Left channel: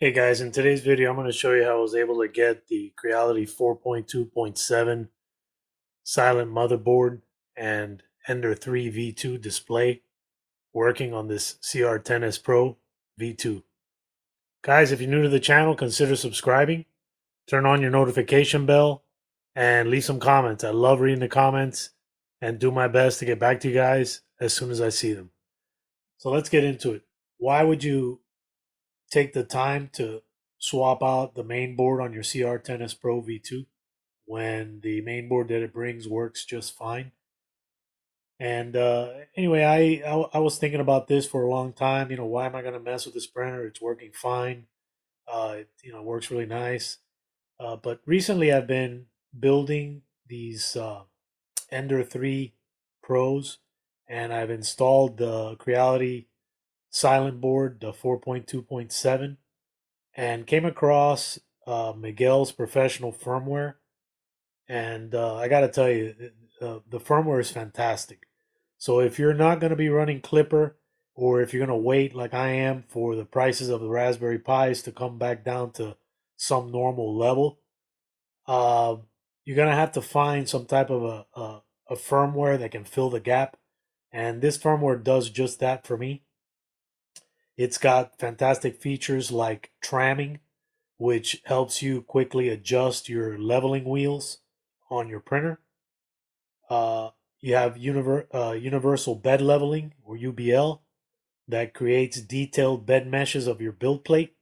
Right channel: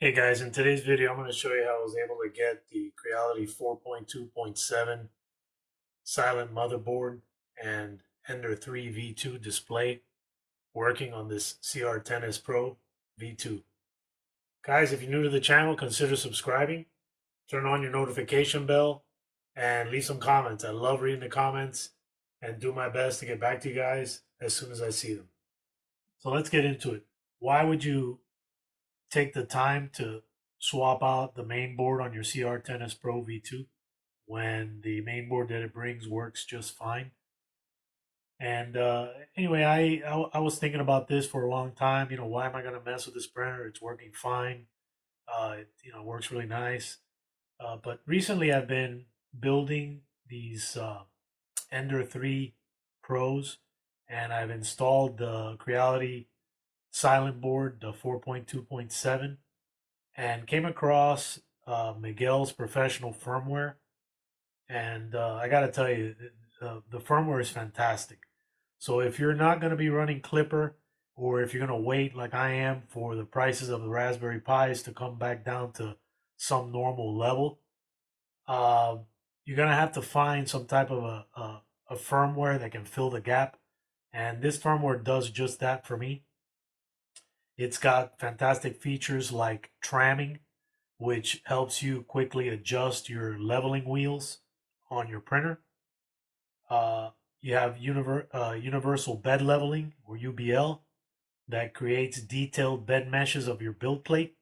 Hey guys, in today's video, I'm going to show you how I was able to get the Creality 4.2.7 silent motherboard and Ender 3 V2 display working on this CR10S Pro V2. Guys, if you're new to the channel, consider subscribing, turn on your notification bell, and leave some comments. I love reading the comments and do my best to get back to you guys as soon as I see them. So let's get into it. Why would you take the time to swap out the main board on your CR10S Pro V2 when the main board that it brings works just fine? And anyway, I was thinking about this for a long time. Why am I going to mess with this printer? It's working fine. It works really nice. But recently, I've been building these Ender 3 Pros, and I've installed the Creality silent board, the 4.2.7, and came across Miguel's professional firmware. And I got to tell you, the firmware is fantastic. So if you're not going to be running Clipper, or if you're going to wait like I am for the prices of the Raspberry Pis to come back down to some normal level, uh, you're going to have to find some type of a firmware that can fill the gap. And this firmware does just that for me. It's got fantastic features like tramming, which helps you quickly adjust your leveling wheels on your printer. Uh, you have universal bed leveling, or UBL, that creates detailed bed meshes of your build plate.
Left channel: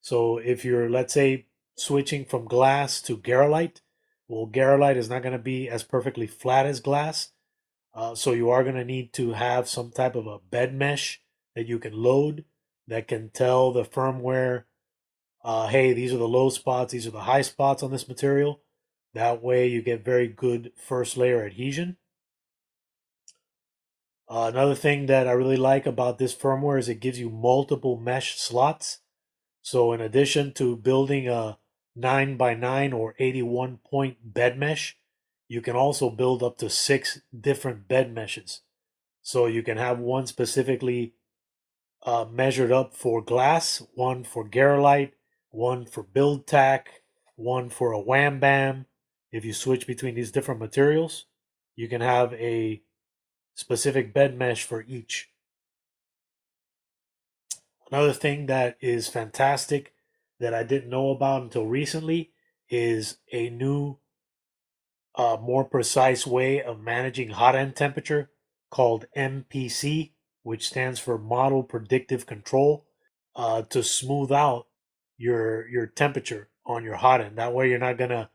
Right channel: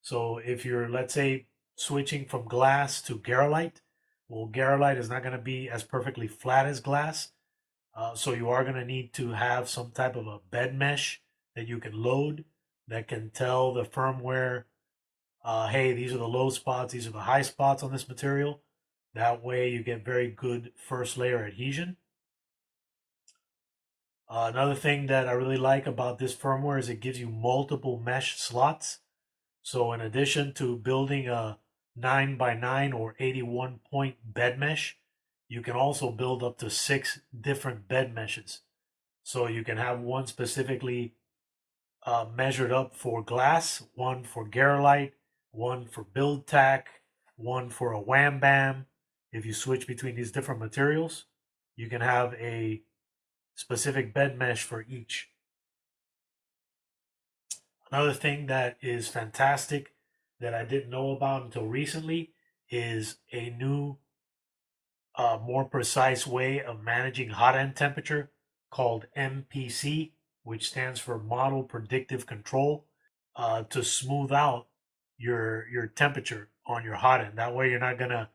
So if you're, let's say, switching from glass to Garolite, well, Garolite is not going to be as perfectly flat as glass. So you are going to need to have some type of a bed mesh that you can load that can tell the firmware, hey, these are the low spots, these are the high spots on this material. That way you get very good first layer adhesion. Another thing that I really like about this firmware is it gives you multiple mesh slots. So in addition to building a 9x9 or 81 point bed mesh, you can also build up to 6 different bed meshes. So you can have one specifically measured up for glass, one for Garolite, one for build tack, one for a wham bam. If you switch between these different materials, you can have a specific bed mesh for each. Another thing that is fantastic that I didn't know about until recently is a new, more precise way of managing hot end temperature called MPC, which stands for Model Predictive Control, to smooth out your temperature on your hot end. That way, you're not gonna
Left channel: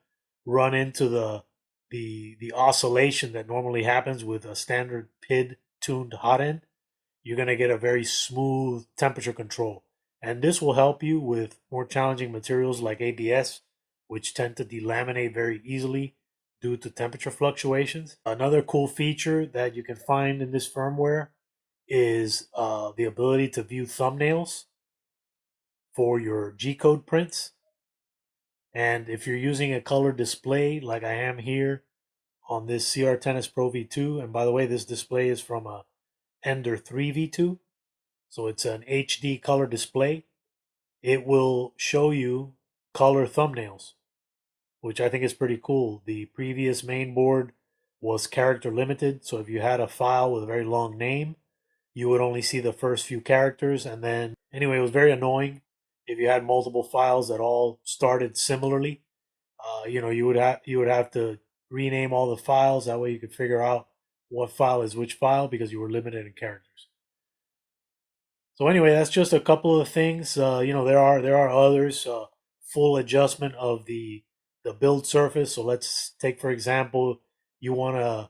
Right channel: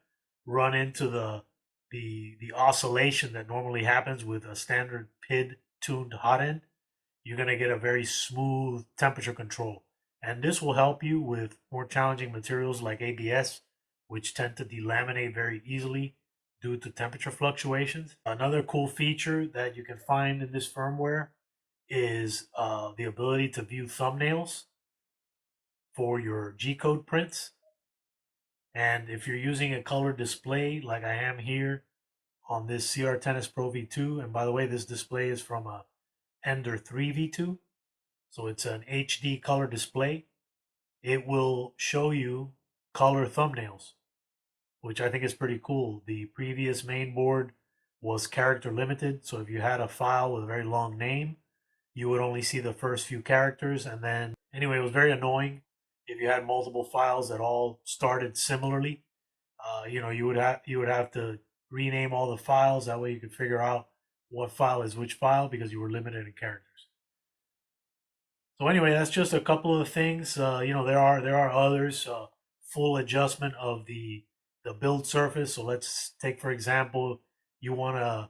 run into the oscillation that normally happens with a standard PID tuned hot end. You're gonna get a very smooth temperature control, and this will help you with more challenging materials like ABS, which tend to delaminate very easily due to temperature fluctuations. Another cool feature that you can find in this firmware is the ability to view thumbnails for your G-code prints. And if you're using a color display like I am here on this CR10S Pro V2, and by the way, this display is from a Ender 3 V2, so it's an HD color display, it will show you color thumbnails, which I think is pretty cool. The previous main board was character limited, so if you had a file with a very long name, you would only see the first few characters, and then anyway, it was very annoying if you had multiple files that all started similarly. You would have to rename all the files. That way, you could figure out what file is which file because you were limited in characters. So anyway, that's just a couple of things. There are others. Full adjustment of the build surface. So let's take for example, you want to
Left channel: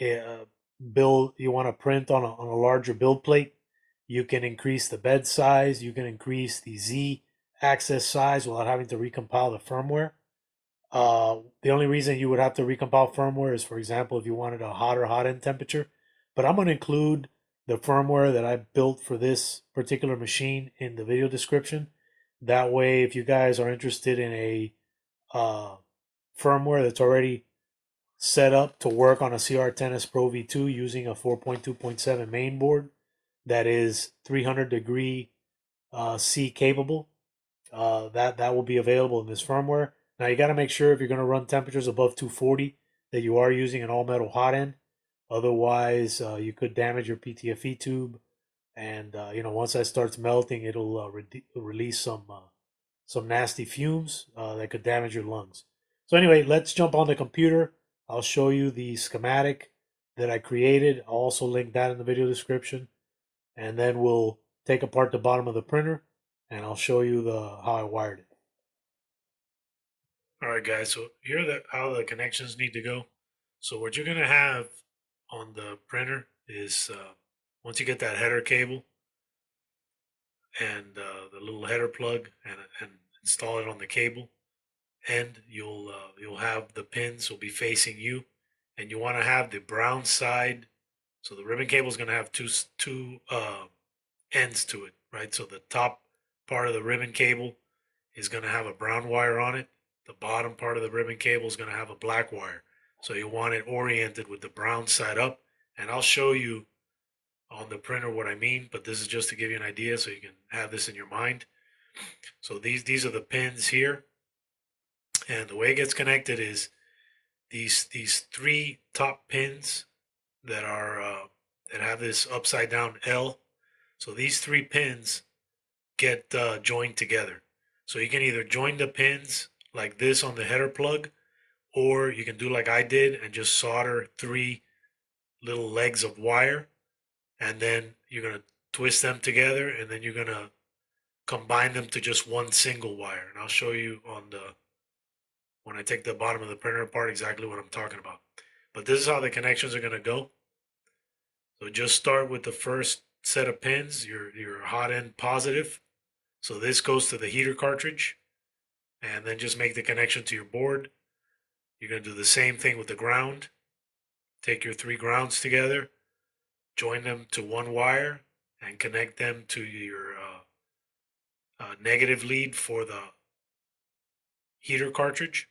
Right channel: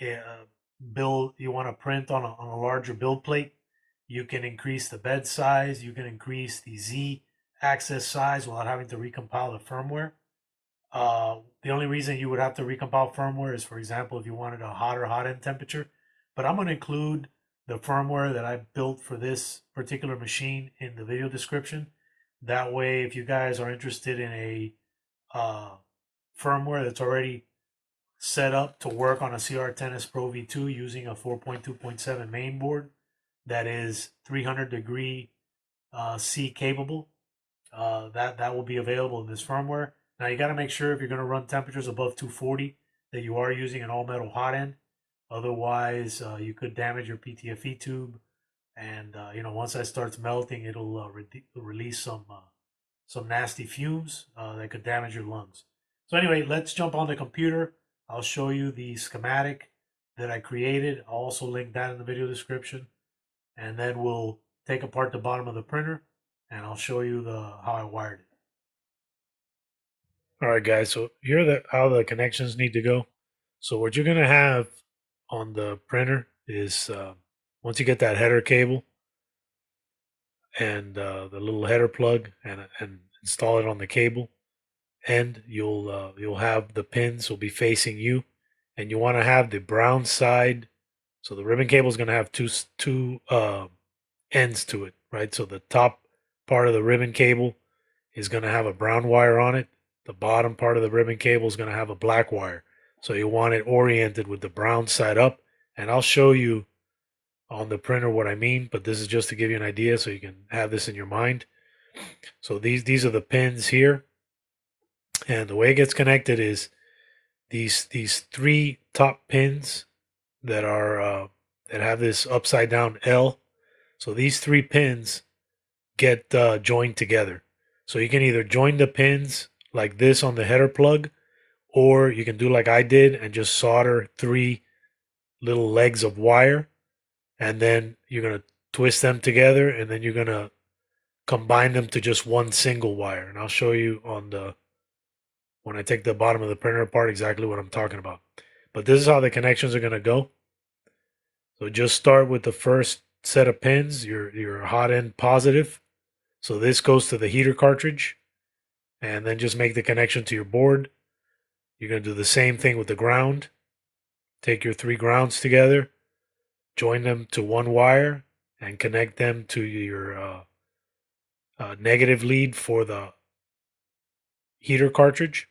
you want to print on a larger build plate. You can increase the bed size. You can increase the Z axis size without having to recompile the firmware. The only reason you would have to recompile firmware is, for example, if you wanted a hotter hot end temperature. But I'm going to include the firmware that I built for this particular machine in the video description. That way, if you guys are interested in a uh, firmware that's already set up to work on a CR10S Pro V2 using a 4.2.7 main board that is 300 degree C capable, that will be available in this firmware. Now you got to make sure if you're going to run temperatures above 240 that you are using an all metal hot end. Otherwise, you could damage your PTFE tube, and once that starts melting, it'll release some nasty fumes that could damage your lungs. So anyway, let's jump on the computer. I'll show you the schematic that I created. I'll also link that in the video description, and then we'll take apart the bottom of the printer, and I'll show you how I wired it. All right, guys. So here are how the connections need to go. So what you're gonna have on the printer is once you get that header cable and the little header plug and install it on the cable end, you'll have the pins will be facing you, and you want to have the brown side. So the ribbon cable is going to have two ends to it, right? So the top part of the ribbon cable is going to have a brown wire on it. The bottom part of the ribbon cable is going to have a black wire. So you want it oriented with the brown side up, and I'll show you on the printer what I mean, but this is just to give you an idea so you can have this in your mind. So these are the pins here, and the way it gets connected is these three top pins that are that have this upside down L. So these three pins get joined together. So you can either join the pins like this on the header plug, or you can do like I did and just solder three little legs of wire, and then you're going to twist them together, and then you're going to combine them to just one single wire. And I'll show you when I take the bottom of the printer apart exactly what I'm talking about. But this is how the connections are going to go. So just start with the first set of pins, your hot end positive. So this goes to the heater cartridge, and then just make the connection to your board. You're going to do the same thing with the ground. Take your three grounds together, join them to one wire, and connect them to your negative lead for the heater cartridge.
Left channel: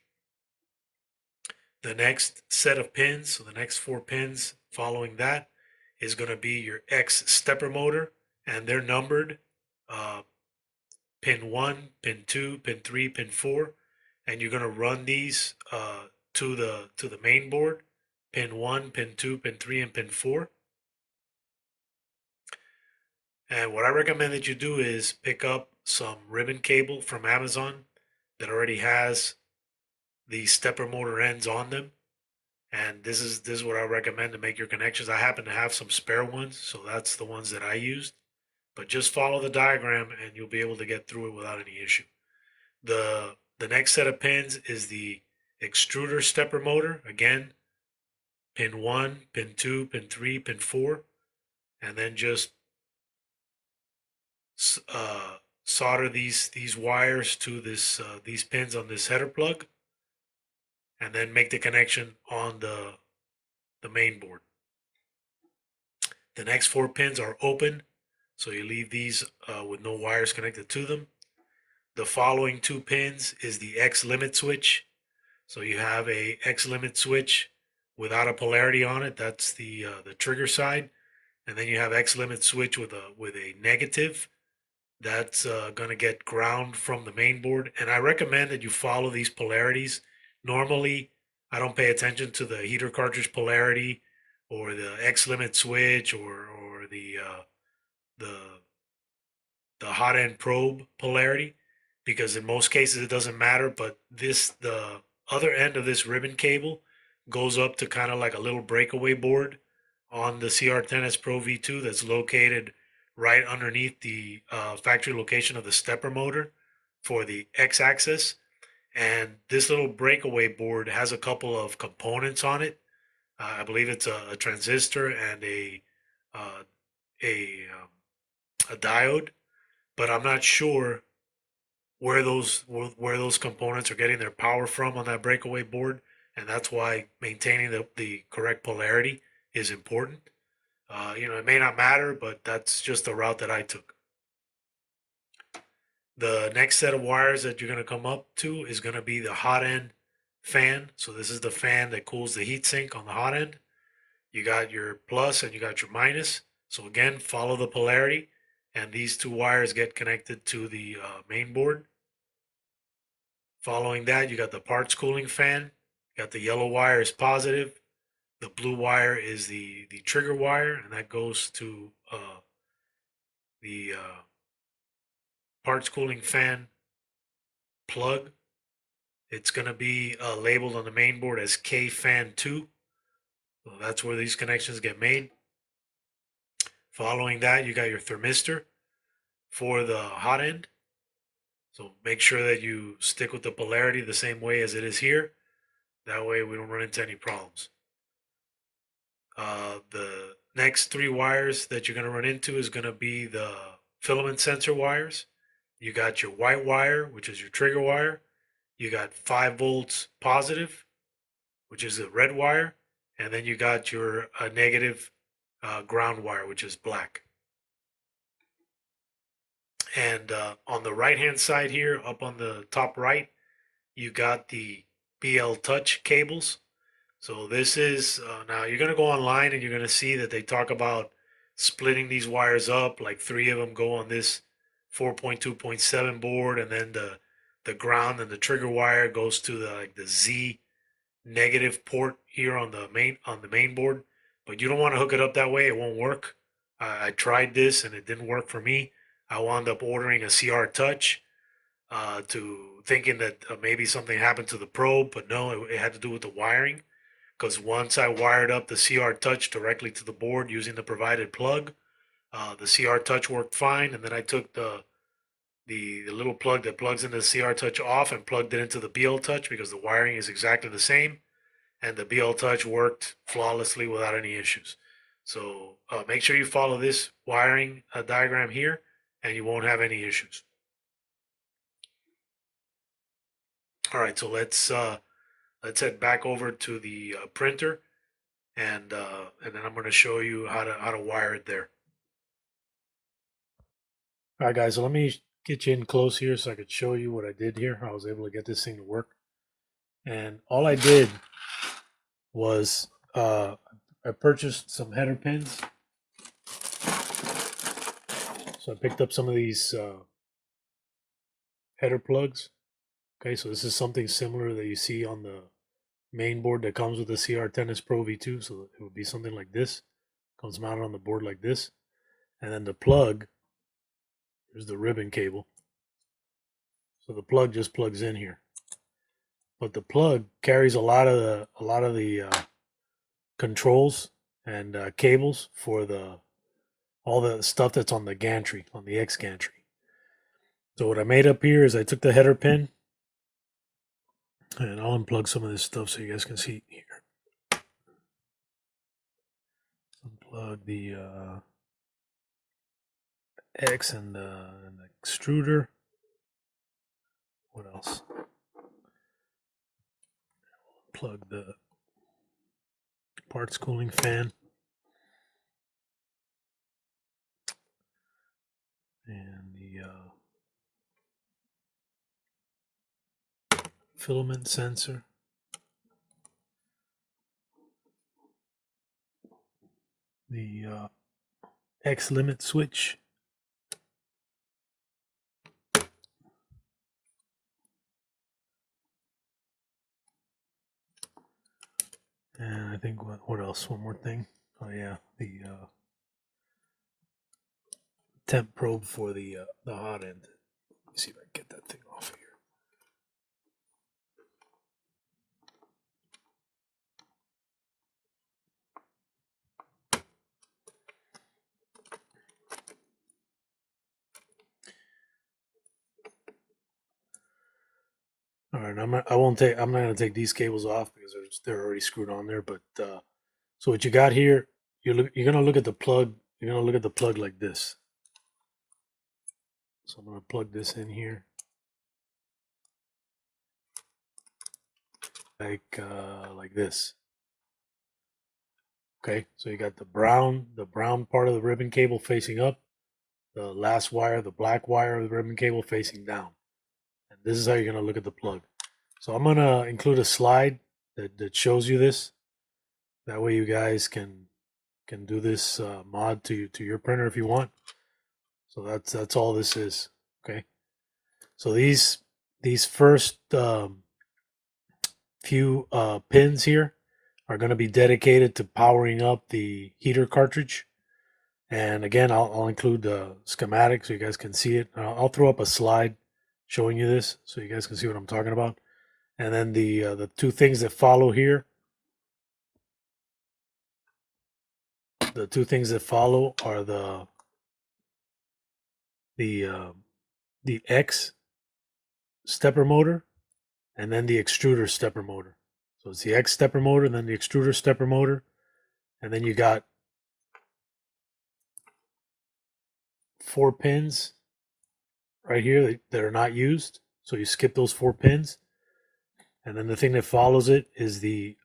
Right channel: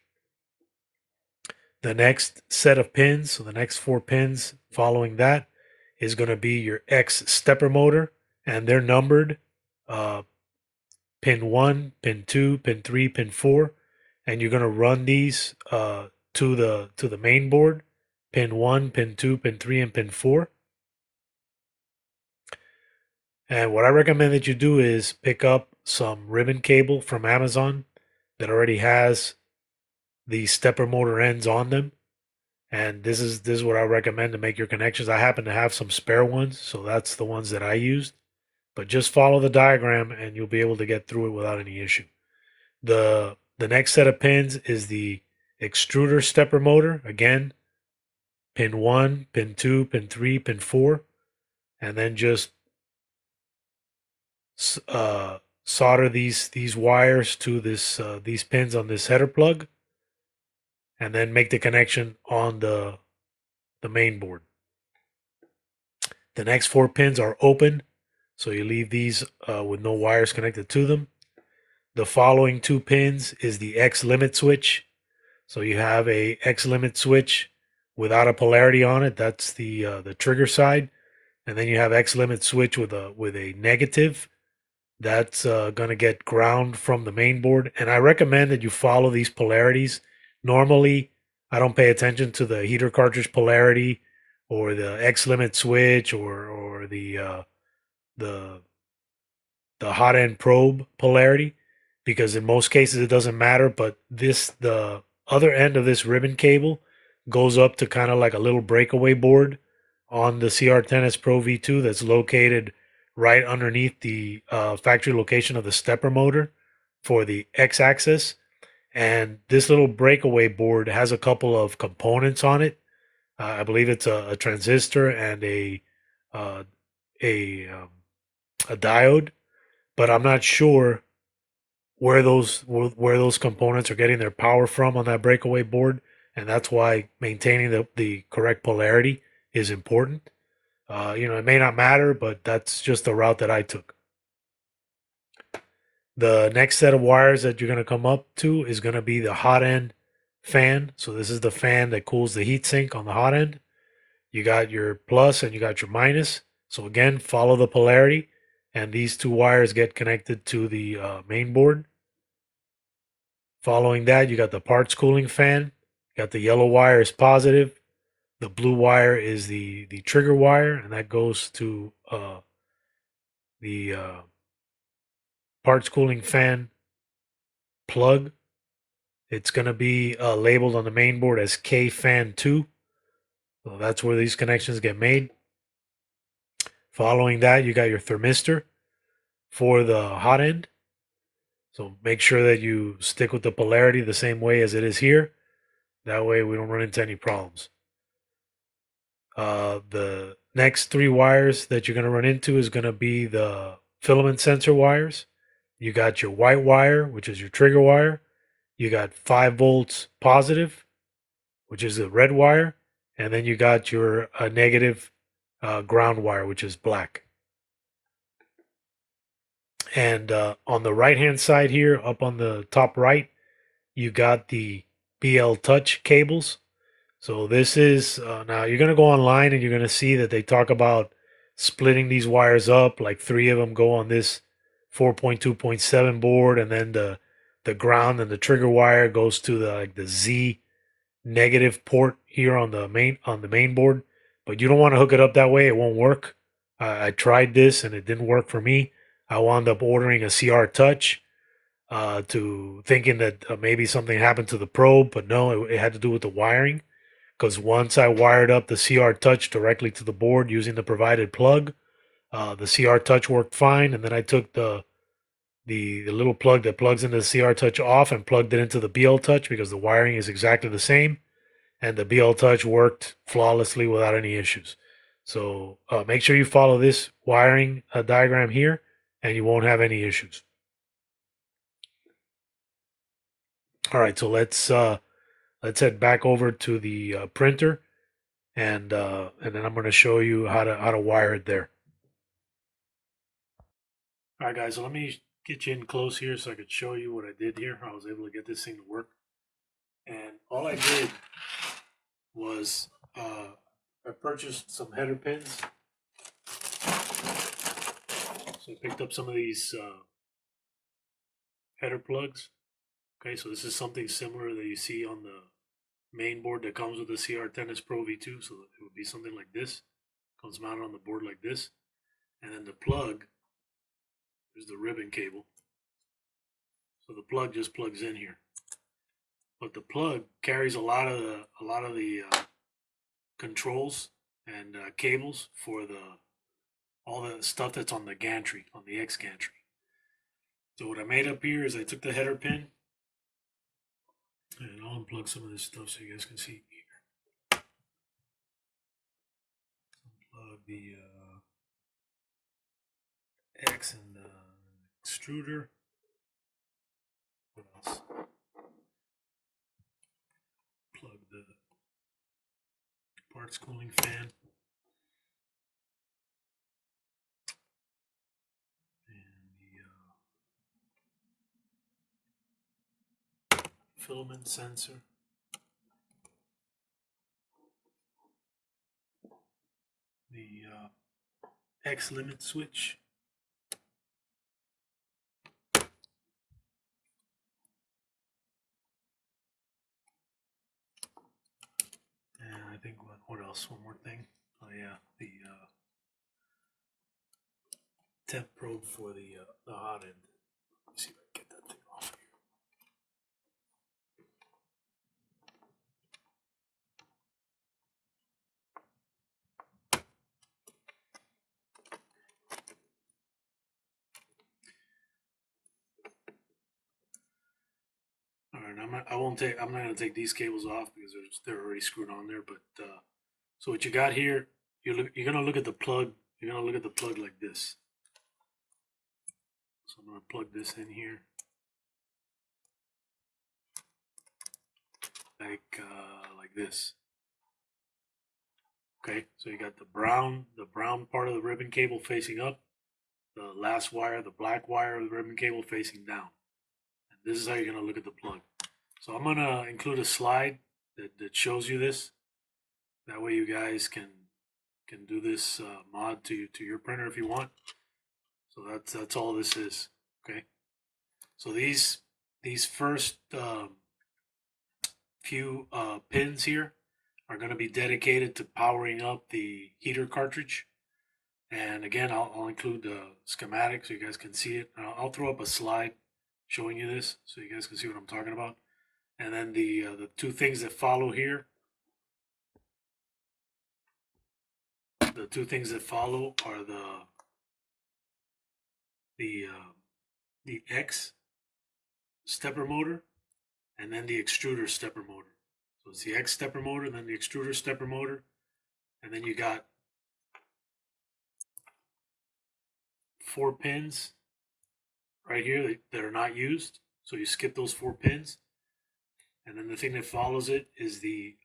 The next set of pins, so the next four pins following that, is going to be your X stepper motor, and they're numbered pin 1, pin 2, pin 3, pin 4, and you're going to run these to the main board, pin 1, pin 2, pin 3, and pin 4. And what I recommend that you do is pick up some ribbon cable from Amazon that already has the stepper motor ends on them. And this is what I recommend to make your connections. I happen to have some spare ones, so that's the ones that I used. But just follow the diagram and you'll be able to get through it without any issue. The next set of pins is the extruder stepper motor. Again, pin 1, pin 2, pin 3, pin 4. And then just solder these wires to these pins on this header plug, and then make the connection on the main board. The next four pins are open, so you leave these with no wires connected to them. The following two pins is the X limit switch. So you have a X limit switch without a polarity on it. That's the trigger side, and then you have X limit switch with a negative. That's going to get ground from the main board. And I recommend that you follow these polarities. Normally, I don't pay attention to the heater cartridge polarity or the X limit switch or the hot end probe polarity, because in most cases it doesn't matter. But the other end of this ribbon cable goes up to kind of like a little breakaway board on the CR10S Pro V2 that's located right underneath the factory location of the stepper motor for the X-axis. And this little breakaway board has a couple of components on it. I believe it's a transistor and a diode, but I'm not sure where those components are getting their power from on that breakaway board, and that's why maintaining the correct polarity is important. It may not matter, but that's just the route that I took. The next set of wires that you're going to come up to is going to be the hot end fan. So this is the fan that cools the heatsink on the hot end. You got your plus and you got your minus. So again, follow the polarity, and these two wires get connected to the main board. Following that, you got the parts cooling fan. Got the yellow wire is positive. The blue wire is the trigger wire, and that goes to the parts cooling fan plug. It's going to be labeled on the main board as K fan 2. So that's where these connections get made. Following that, you got your thermistor for the hot end. So make sure that you stick with the polarity the same way as it is here. That way we don't run into any problems. The next 3 wires that you're going to run into is going to be the filament sensor wires. You got your white wire, which is your trigger wire. You got 5 volts positive, which is the red wire. And then you got your negative ground wire, which is black. And on the right hand side here, up on the top right, you got the BL Touch cables. So this is, now you're going to go online and you're going to see that they talk about splitting these wires up, like 3 of them go on this 4.2.7 board, and then the ground and the trigger wire goes to the Z negative port here on the main board. But you don't want to hook it up that way, it won't work. I tried this and it didn't work for me. I wound up ordering a CR Touch, to thinking that maybe something happened to the probe, but no, it had to do with the wiring. Because once I wired up the CR Touch directly to the board using the provided plug, the CR Touch worked fine, and then I took the little plug that plugs into the CR Touch off and plugged it into the BL Touch because the wiring is exactly the same, and the BL Touch worked flawlessly without any issues. So make sure you follow this wiring diagram here, and you won't have any issues. All right, so let's head back over to the printer, and then I'm going to show you how to wire it there. All right, guys, so let me get you in close here so I could show you what I did here. I was able to get this thing to work, and all I did was I purchased some header pins. So I picked up some of these header plugs. Okay, so this is something similar that you see on the main board that comes with the CR10S Pro V2. So it would be something like this. Comes mounted on the board like this. And then the plug, here's the ribbon cable. So the plug just plugs in here. But the plug carries a lot of the controls and cables for all the stuff that's on the gantry, on the X gantry. So what I made up here is I took the header pin, and I'll unplug some of this stuff so you guys can see here. Unplug the X and the extruder. What else? Plug the parts cooling fan. And the filament sensor. The X limit switch. And I think what else? One more thing. Oh yeah, the temp probe for the hot end. Let me see if I can get that thing off here. All right, I'm not going to take these cables off because they're already screwed on there. But so what you got here, you're going to look at the plug. You're going to look at the plug like this. So I'm going to plug this in here, like this. Okay, so you got the brown part of the ribbon cable facing up, the last wire, the black wire of the ribbon cable facing down. And this is how you're going to look at the plug. So I'm going to include a slide that shows you this. That way you guys can do this mod to your printer if you want. So that's all this is. Okay. So these these first few pins here are going to be dedicated to powering up the heater cartridge. And again, I'll include the schematic so you guys can see it. I'll throw up a slide showing you this so you guys can see what I'm talking about. And then the two things that follow here, the two things that follow are the X stepper motor and then the extruder stepper motor. So it's the X stepper motor, then the extruder stepper motor, and then you got 4 pins right here that are not used. So you skip those 4 pins. And then the thing that follows it is the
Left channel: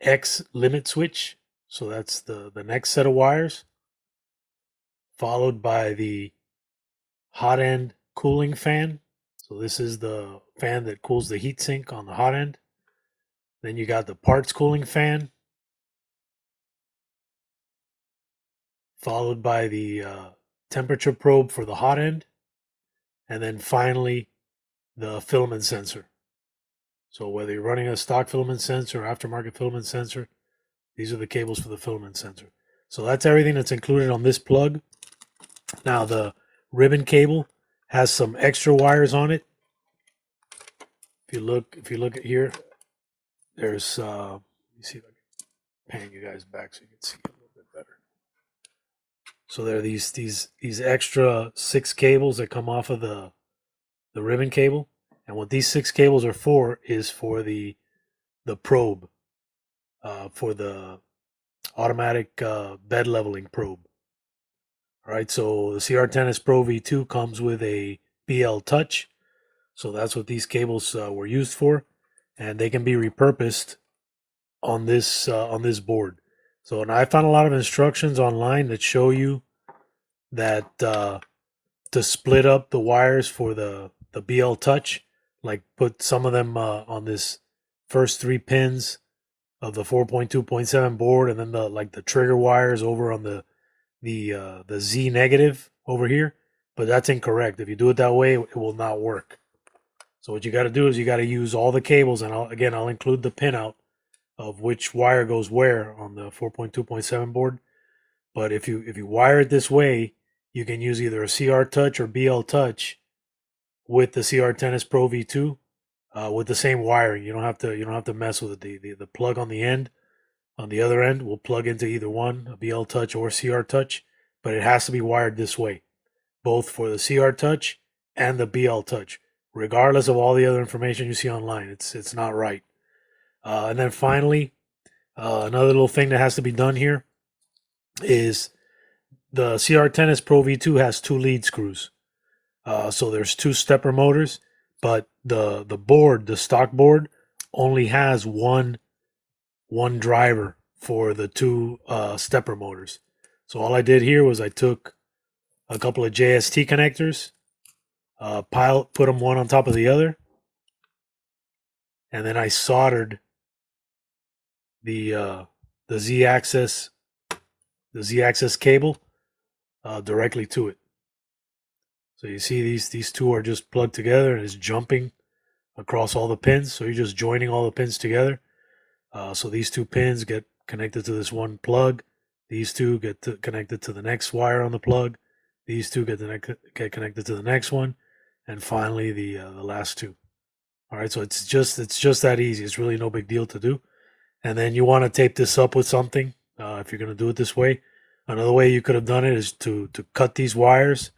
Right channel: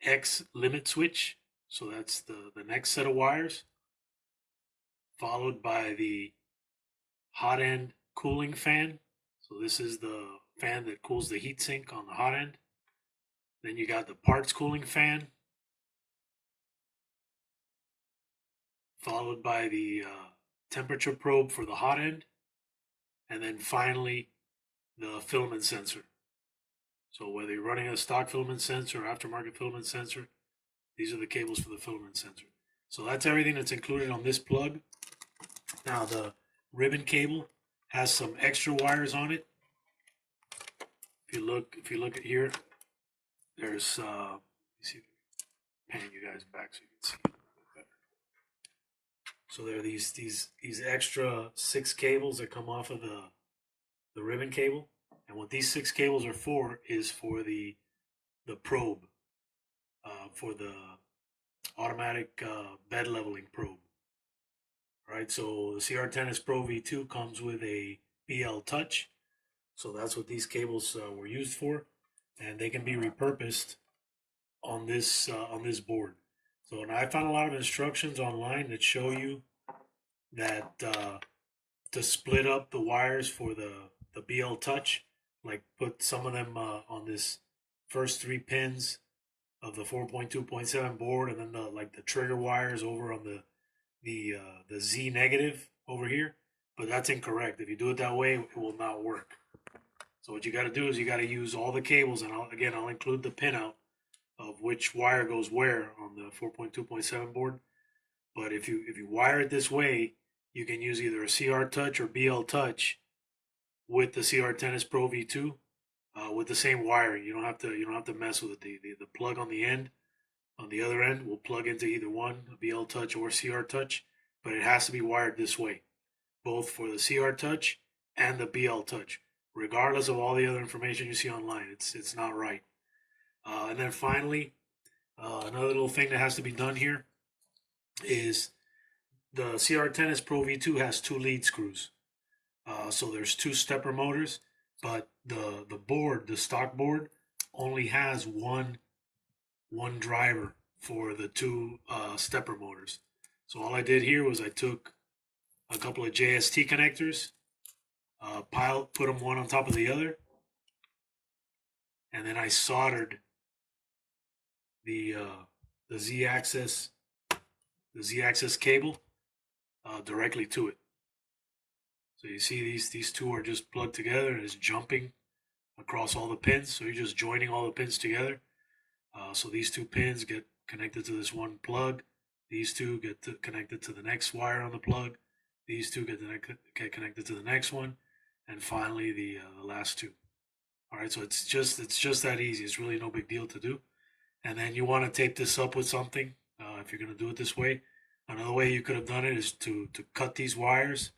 X limit switch. So that's the next set of wires, followed by the hot end cooling fan. So this is the fan that cools the heatsink on the hot end. Then you got the parts cooling fan, followed by the temperature probe for the hot end, and then finally the filament sensor. So whether you're running a stock filament sensor or aftermarket filament sensor, these are the cables for the filament sensor. So that's everything that's included on this plug. Now the ribbon cable has some extra wires on it. If you look at here, there's let me see if I can pan you guys back so you can see it a little bit better. So there are these extra 6 cables that come off of the ribbon cable, and what these 6 cables are for is for the probe, for the automatic bed leveling probe. All right, so the CR10S Pro V2 comes with a BL Touch, so that's what these cables were used for, and they can be repurposed on this board. So, and I found a lot of instructions online that show you that to split up the wires for the BL Touch, like put some of them on this first 3 pins of the 4.2.7 board, and then the trigger wires over on the Z negative over here. But that's incorrect. If you do it that way, it will not work. So what you got to do is you got to use all the cables, and I'll include the pinout of which wire goes where on the 4.2.7 board. But if you wire it this way, you can use either a CR Touch or BL Touch with the CR10S Pro V2 with the same wiring. You don't have to mess with it. The plug on the end, on the other end, will plug into either one, a BL Touch or CR Touch, but it has to be wired this way, both for the CR Touch and the BL Touch, regardless of all the other information you see online. It's not right. And then finally, another little thing that has to be done here is the CR10S Pro V2 has 2 lead screws. So there's 2 stepper motors, but the board, the stock board, only has one driver for the 2 stepper motors. So all I did here was I took a couple of JST connectors, put them one on top of the other, and then I soldered the Z-axis cable directly to it. So you see these 2 are just plugged together and it's jumping across all the pins. So you're just joining all the pins together. So these 2 pins get connected to this one plug. These 2 get connected to the next wire on the plug. These 2 get connected to the next one, and finally the last 2. All right, so it's just that easy. It's really no big deal to do. And then you want to tape this up with something if you're going to do it this way. Another way you could have done it is to cut these wires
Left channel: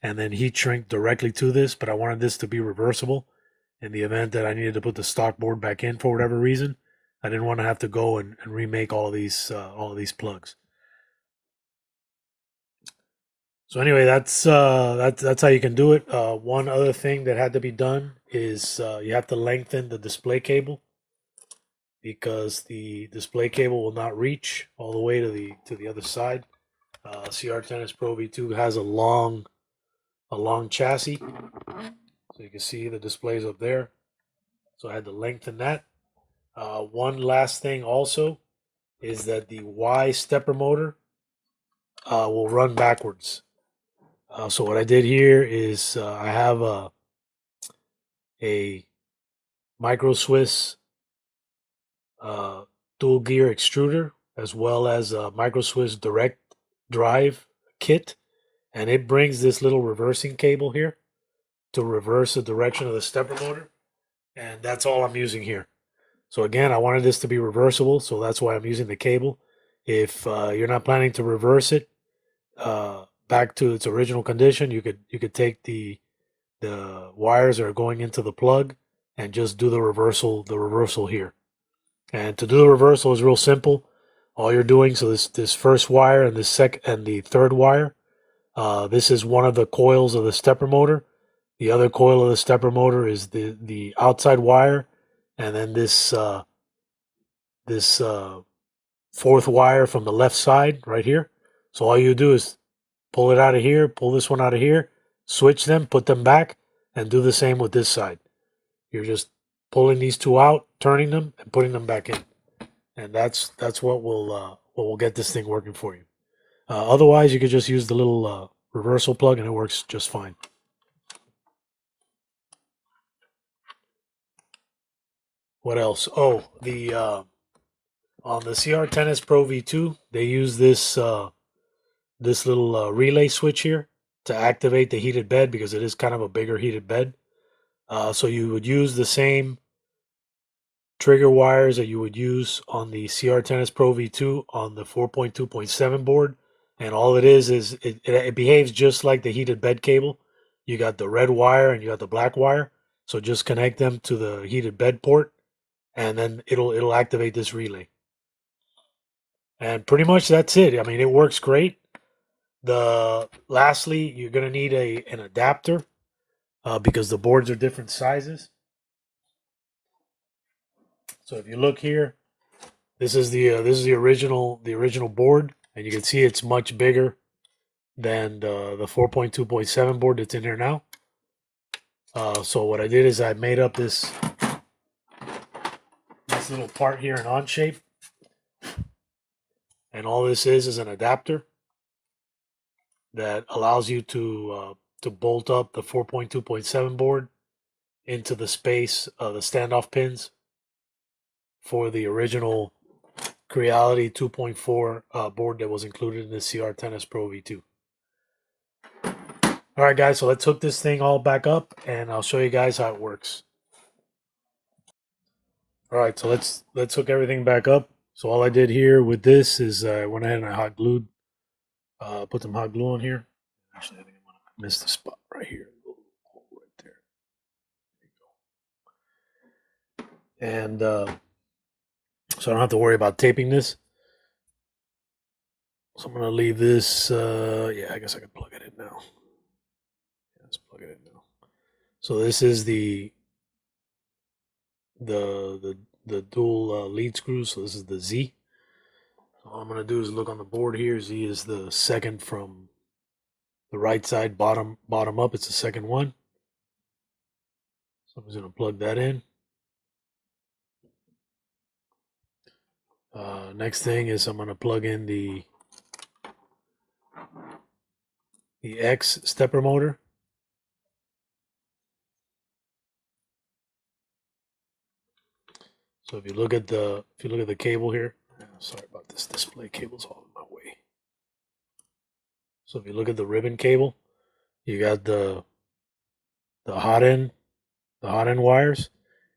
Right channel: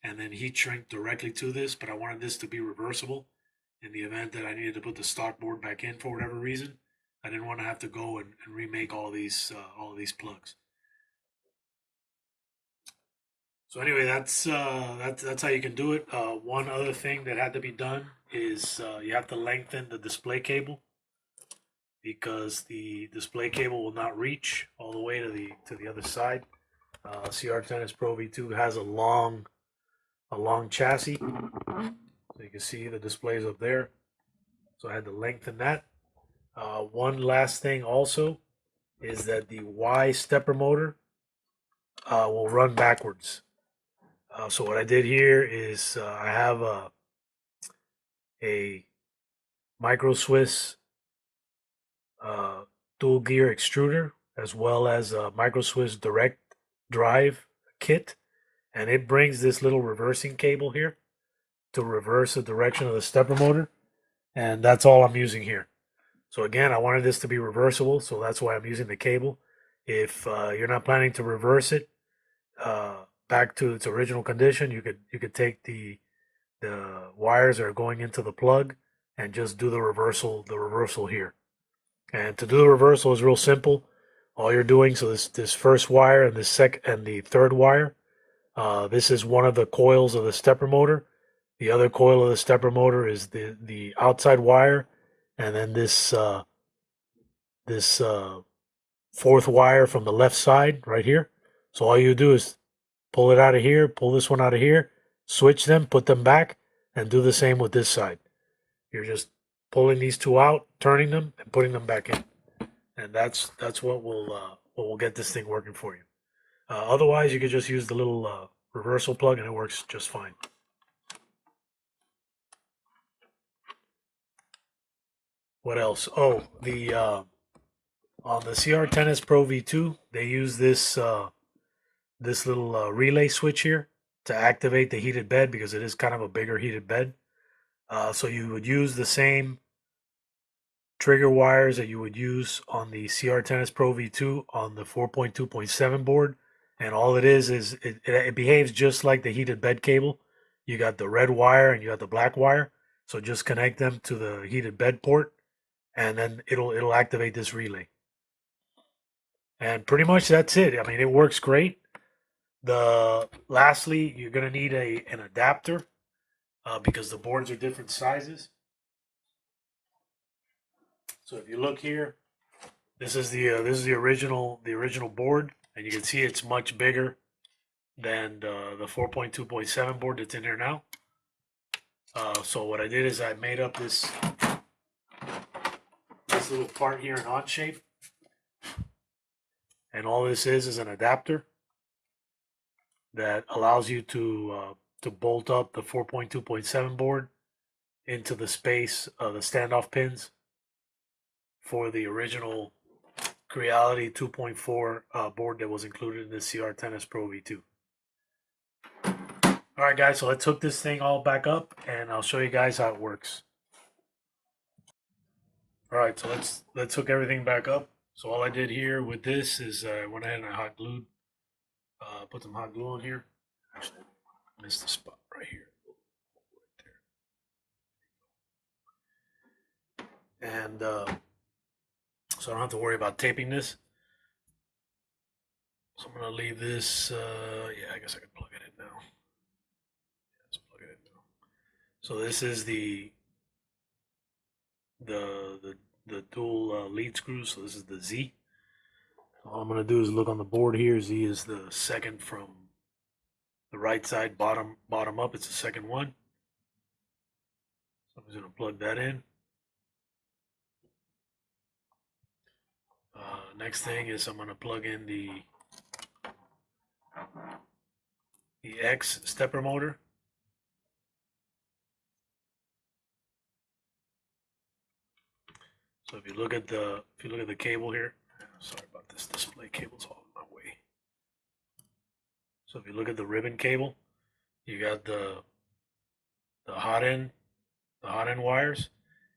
and then heat shrink directly to this, but I wanted this to be reversible in the event that I needed to put the stock board back in for whatever reason. I didn't want to have to go and remake all of these plugs. So anyway, that's how you can do it. One other thing that had to be done is you have to lengthen the display cable, because the display cable will not reach all the way to the other side. CR10S Pro V2 has a long chassis, so you can see the displays up there. So I had to lengthen that. One last thing also is that the Y stepper motor will run backwards. So what I did here is I have a micro Swiss dual gear extruder, as well as a micro Swiss direct drive kit, and it brings this little reversing cable here to reverse the direction of the stepper motor, and that's all I'm using here. So again, I wanted this to be reversible, so that's why I'm using the cable. If you're not planning to reverse it back to its original condition, you could take the wires that are going into the plug and just do the reversal here. And to do the reversal is real simple. All you're doing, so this first wire and the third wire, this is one of the coils of the stepper motor. The other coil of the stepper motor is the outside wire, and then this fourth wire from the left side right here. So all you do is pull it out of here, pull this one out of here, switch them, put them back, and do the same with this side. You're just pulling these two out, turning them, and putting them back in, and that's what will get this thing working for you. Otherwise, you could just use the little reversal plug, and it works just fine. What else? Oh, the on the CR10S Pro V2, they use this little relay switch here to activate the heated bed, because it is kind of a bigger heated bed. So you would use the same trigger wires that you would use on the CR10S Pro V2 on the 4.2.7 board, and all it is it behaves just like the heated bed cable. You got the red wire and you got the black wire, so just connect them to the heated bed port, and then it'll activate this relay. And pretty much that's it. I mean, it works great. Lastly, you're gonna need an adapter because the boards are different sizes. So if you look here, this is the original board, and you can see it's much bigger than the 4.2.7 board that's in here now. So what I did is I made up this little part here in on shape, and all this is an adapter that allows you to bolt up the 4.2.7 board into the space of the standoff pins for the original Creality 2.4 board that was included in the CR10S Pro V2. All right, guys, so let's hook this thing all back up, and I'll show you guys how it works. All right, so let's hook everything back up. So all I did here with this is I went ahead and I hot glued, put some hot glue on here. Actually, I think I missed the spot right here. Right there. And so I don't have to worry about taping this. So I'm gonna leave this. Yeah, I guess I can plug it in now. Yeah, let's plug it in now. So this is the dual lead screws. So this is the Z. All I'm gonna do is look on the board here. Z is the second from the right side, bottom up. It's the second one. So I'm just gonna plug that in. Next thing is I'm gonna plug in the X stepper motor. So if you look at the cable here, sorry about this display cable's all in my way. So if you look at the ribbon cable, you got the hot end wires,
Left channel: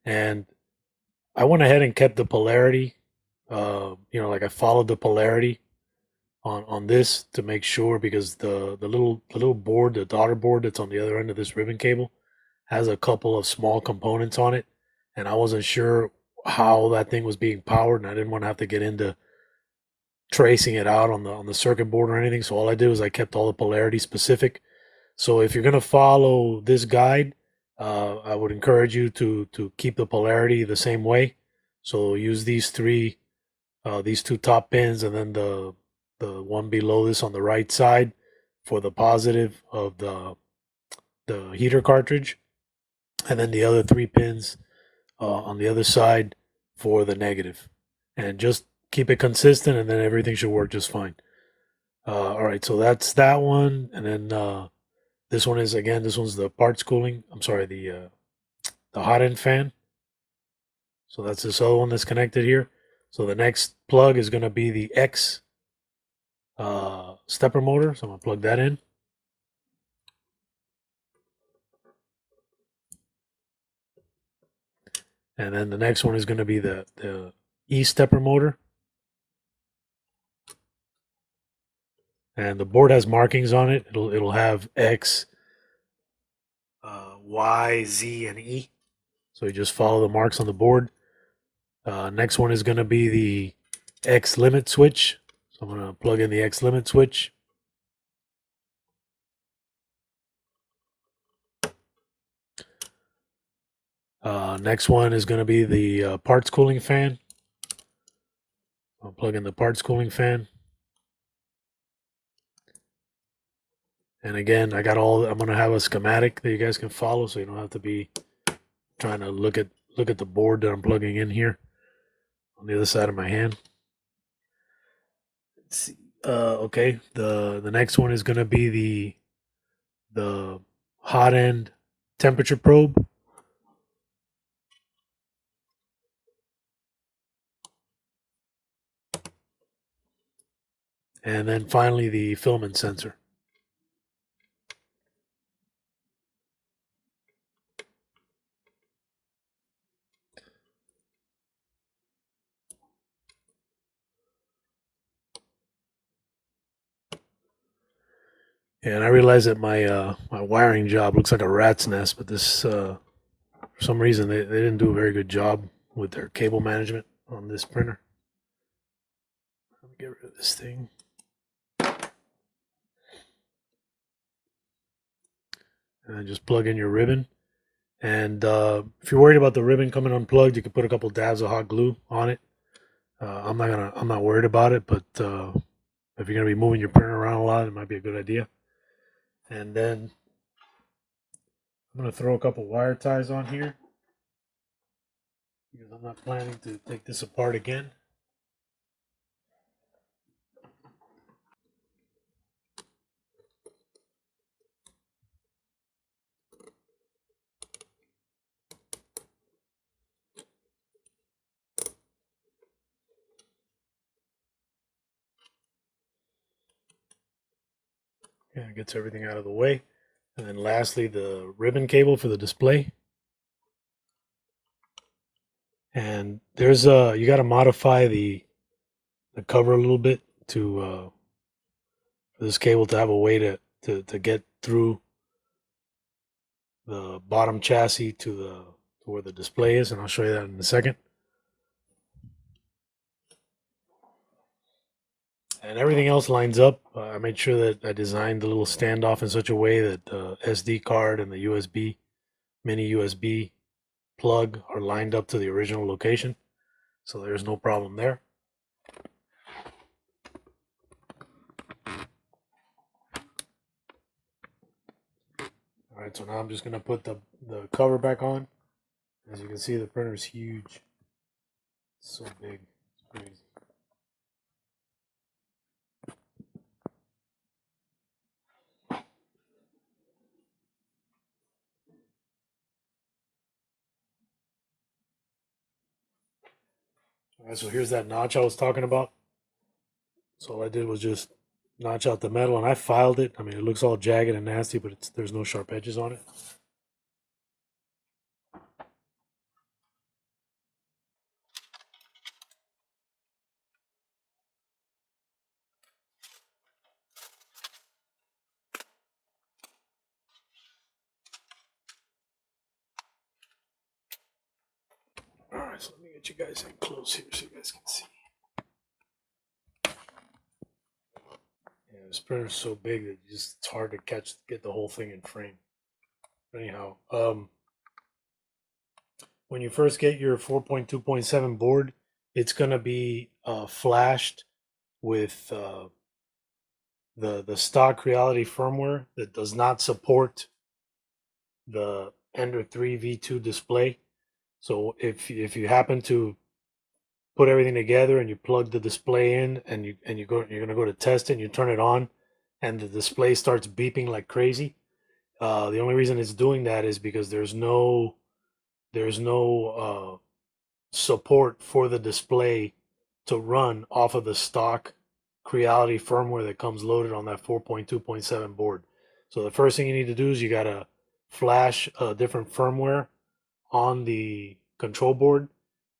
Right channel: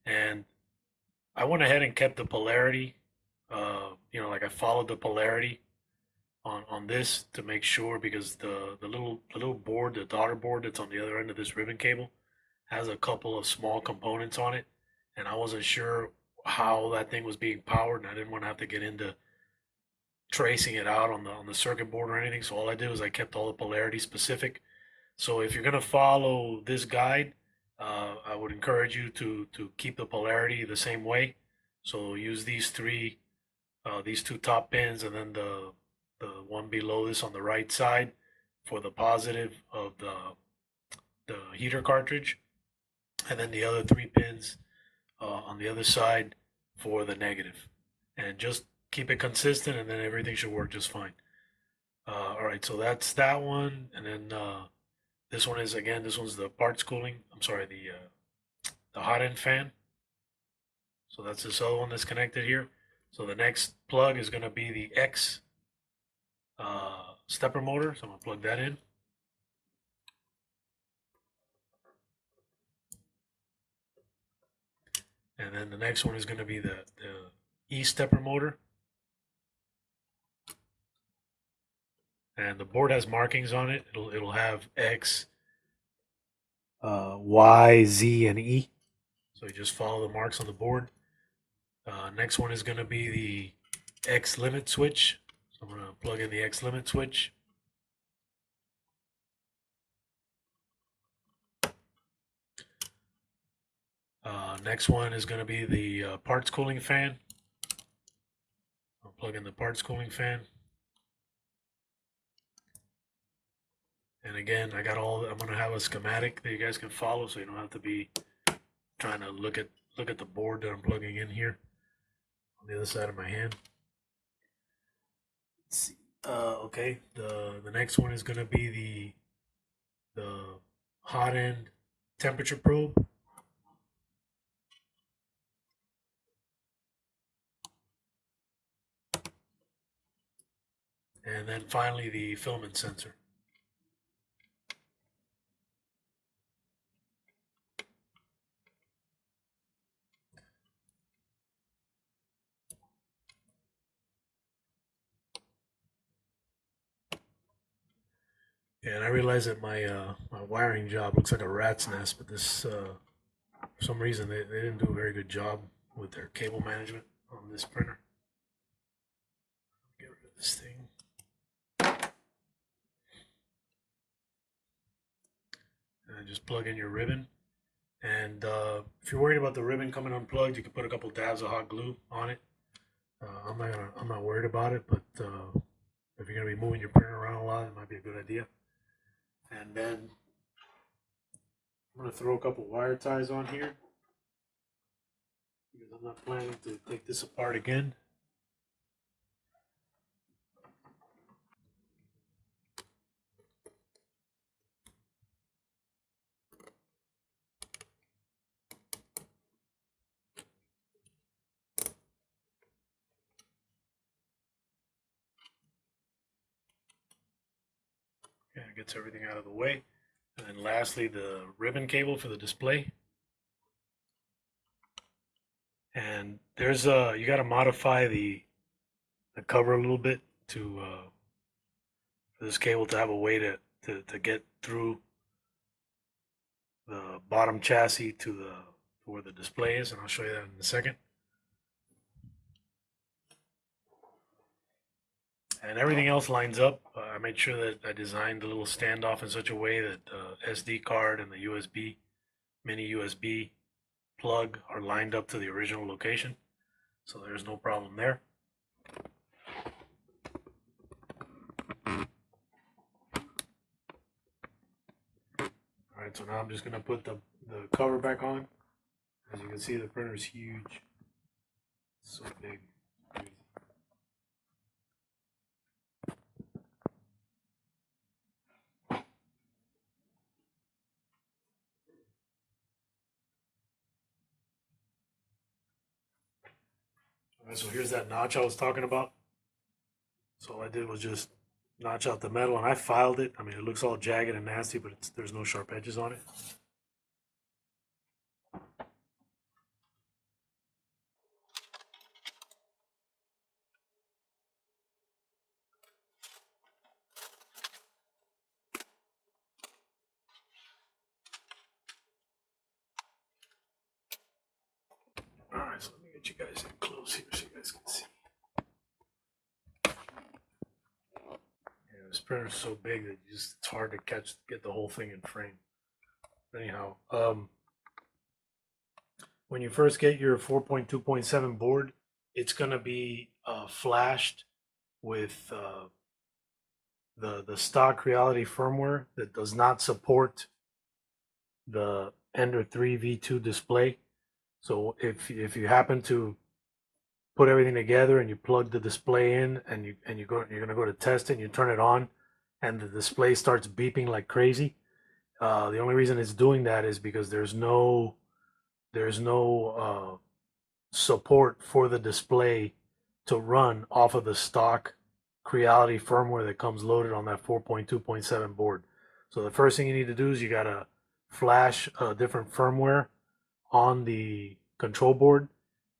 and I went ahead and kept the polarity. Like I followed the polarity on this to make sure, because the little board, the daughter board that's on the other end of this ribbon cable, has a couple of small components on it, and I wasn't sure how that thing was being powered, and I didn't want to have to get into tracing it out on the circuit board or anything. So all I did was I kept all the polarity specific. So if you're gonna follow this guide, I would encourage you to keep the polarity the same way. So use these two top pins, and then the one below this on the right side for the positive of the heater cartridge, and then the other 3 pins on the other side for the negative. And just keep it consistent, and then everything should work just fine. All right, so that's that one, and then this one's the parts cooling. I'm sorry, the hot end fan. So that's this other one that's connected here. So the next plug is going to be the X stepper motor. So I'm going to plug that in. And then the next one is going to be the E stepper motor. And the board has markings on it. It'll have X, Y, Z, and E. So you just follow the marks on the board. Next one is going to be the X limit switch. So I'm going to plug in the X limit switch. Next one is going to be the parts cooling fan. I'll plug in the parts cooling fan. And again, I'm going to have a schematic that you guys can follow, so you don't have to be trying to look at the board that I'm plugging in here on the other side of my hand. Let's see. Okay, the next one is going to be the hot end temperature probe. And then finally the filament sensor. And I realize that my my wiring job looks like a rat's nest, but this for some reason they didn't do a very good job with their cable management on this printer. Let me get rid of this thing. And then just plug in your ribbon. And if you're worried about the ribbon coming unplugged, you can put a couple dabs of hot glue on it. I'm not worried about it, but if you're gonna be moving your printer around a lot, it might be a good idea. And then I'm gonna throw a couple wire ties on here because I'm not planning to take this apart again. Yeah, it gets everything out of the way. And then lastly, the ribbon cable for the display. And there's you got to modify the cover a little bit to for this cable to have a way to get through the bottom chassis to where the display is, and I'll show you that in a second. And everything else lines up. I made sure that I designed the little standoff in such a way that the SD card and the USB, mini USB plug are lined up to the original location. So there's no problem there. All right, so now I'm just gonna put the cover back on. As you can see, the printer is huge. It's so big, it's crazy. All right, so here's that notch I was talking about. So all I did was just notch out the metal, and I filed it. I mean, it looks all jagged and nasty, but there's no sharp edges on it. All right, so let me get you guys in close here so you guys can see. Yeah, this printer's so big that it's hard to get the whole thing in frame. But anyhow, when you first get your 4.2.7 board, it's gonna be flashed with the stock Creality firmware that does not support the Ender 3 V2 display. So if you happen to put everything together and you plug the display in and you're gonna go to test it and you turn it on and the display starts beeping like crazy, the only reason it's doing that is because there's no there's no support for the display to run off of the stock Creality firmware that comes loaded on that 4.2.7 board. So the first thing you need to do is you gotta flash a different firmware on the control board,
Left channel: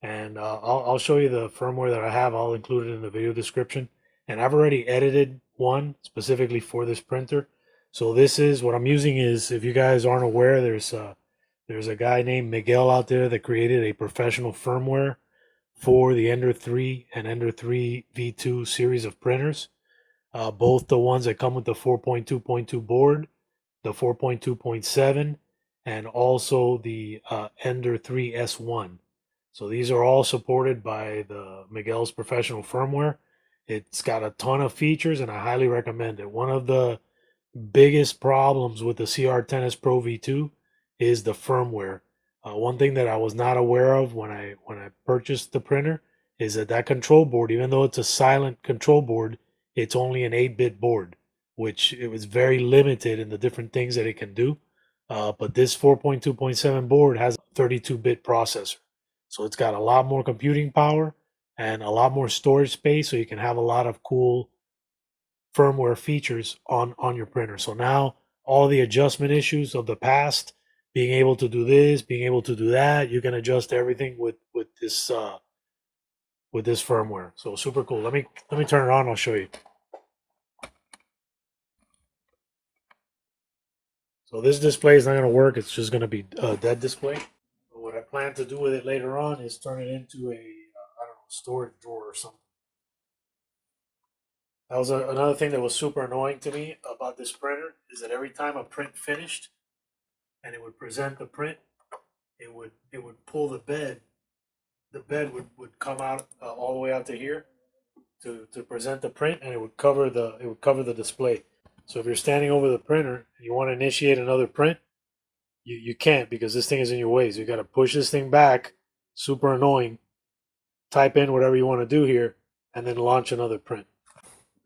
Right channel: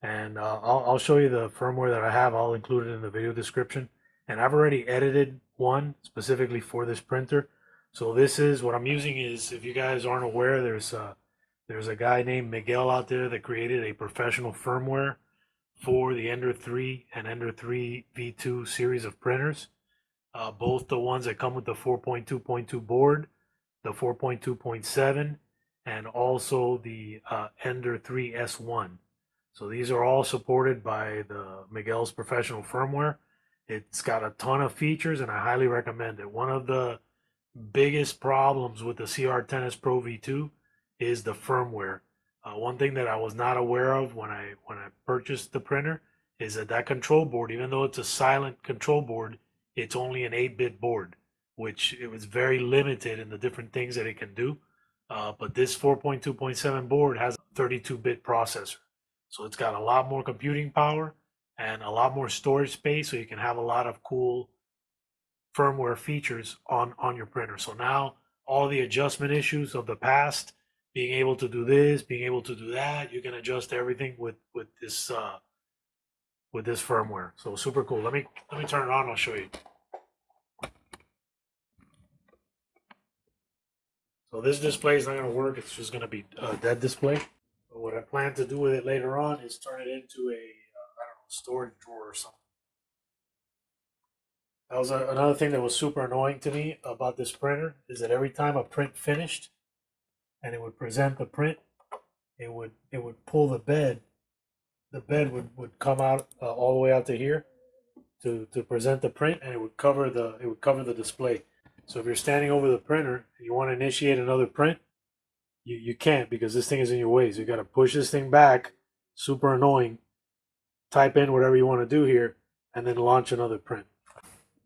and I'll show you the firmware that I have. I'll include it in the video description, and I've already edited one specifically for this printer. So this is what I'm using. Is, if you guys aren't aware, there's a guy named Miguel out there that created a professional firmware for the Ender 3 and Ender 3 V2 series of printers. Both the ones that come with the 4.2.2 board, the 4.2.7, and also the Ender 3 S1. So these are all supported by the Miguel's professional firmware. It's got a ton of features, and I highly recommend it. One of the biggest problems with the CR10S Pro V2 is the firmware. One thing that I was not aware of when I purchased the printer is that control board, even though it's a silent control board, it's only an 8-bit board, which it was very limited in the different things that it can do. But this 4.2.7 board has a 32-bit processor, so it's got a lot more computing power and a lot more storage space, so you can have a lot of cool firmware features on your printer. So now all the adjustment issues of the past, being able to do this, being able to do that, you can adjust everything with this firmware. So super cool. Let me turn it on. I'll show you. So this display is not going to work. It's just going to be a dead display. But what I plan to do with it later on is turn it into a I don't know, storage drawer or something. That was another thing that was super annoying to me about this printer, is that every time a print finished and it would present the print, it would pull the bed. The bed would come out all the way out to here to present the print, and it would cover the display. So if you're standing over the printer and you want to initiate another print, you can't, because this thing is in your way. So you got to push this thing back. Super annoying. Type in whatever you want to do here, and then launch another print.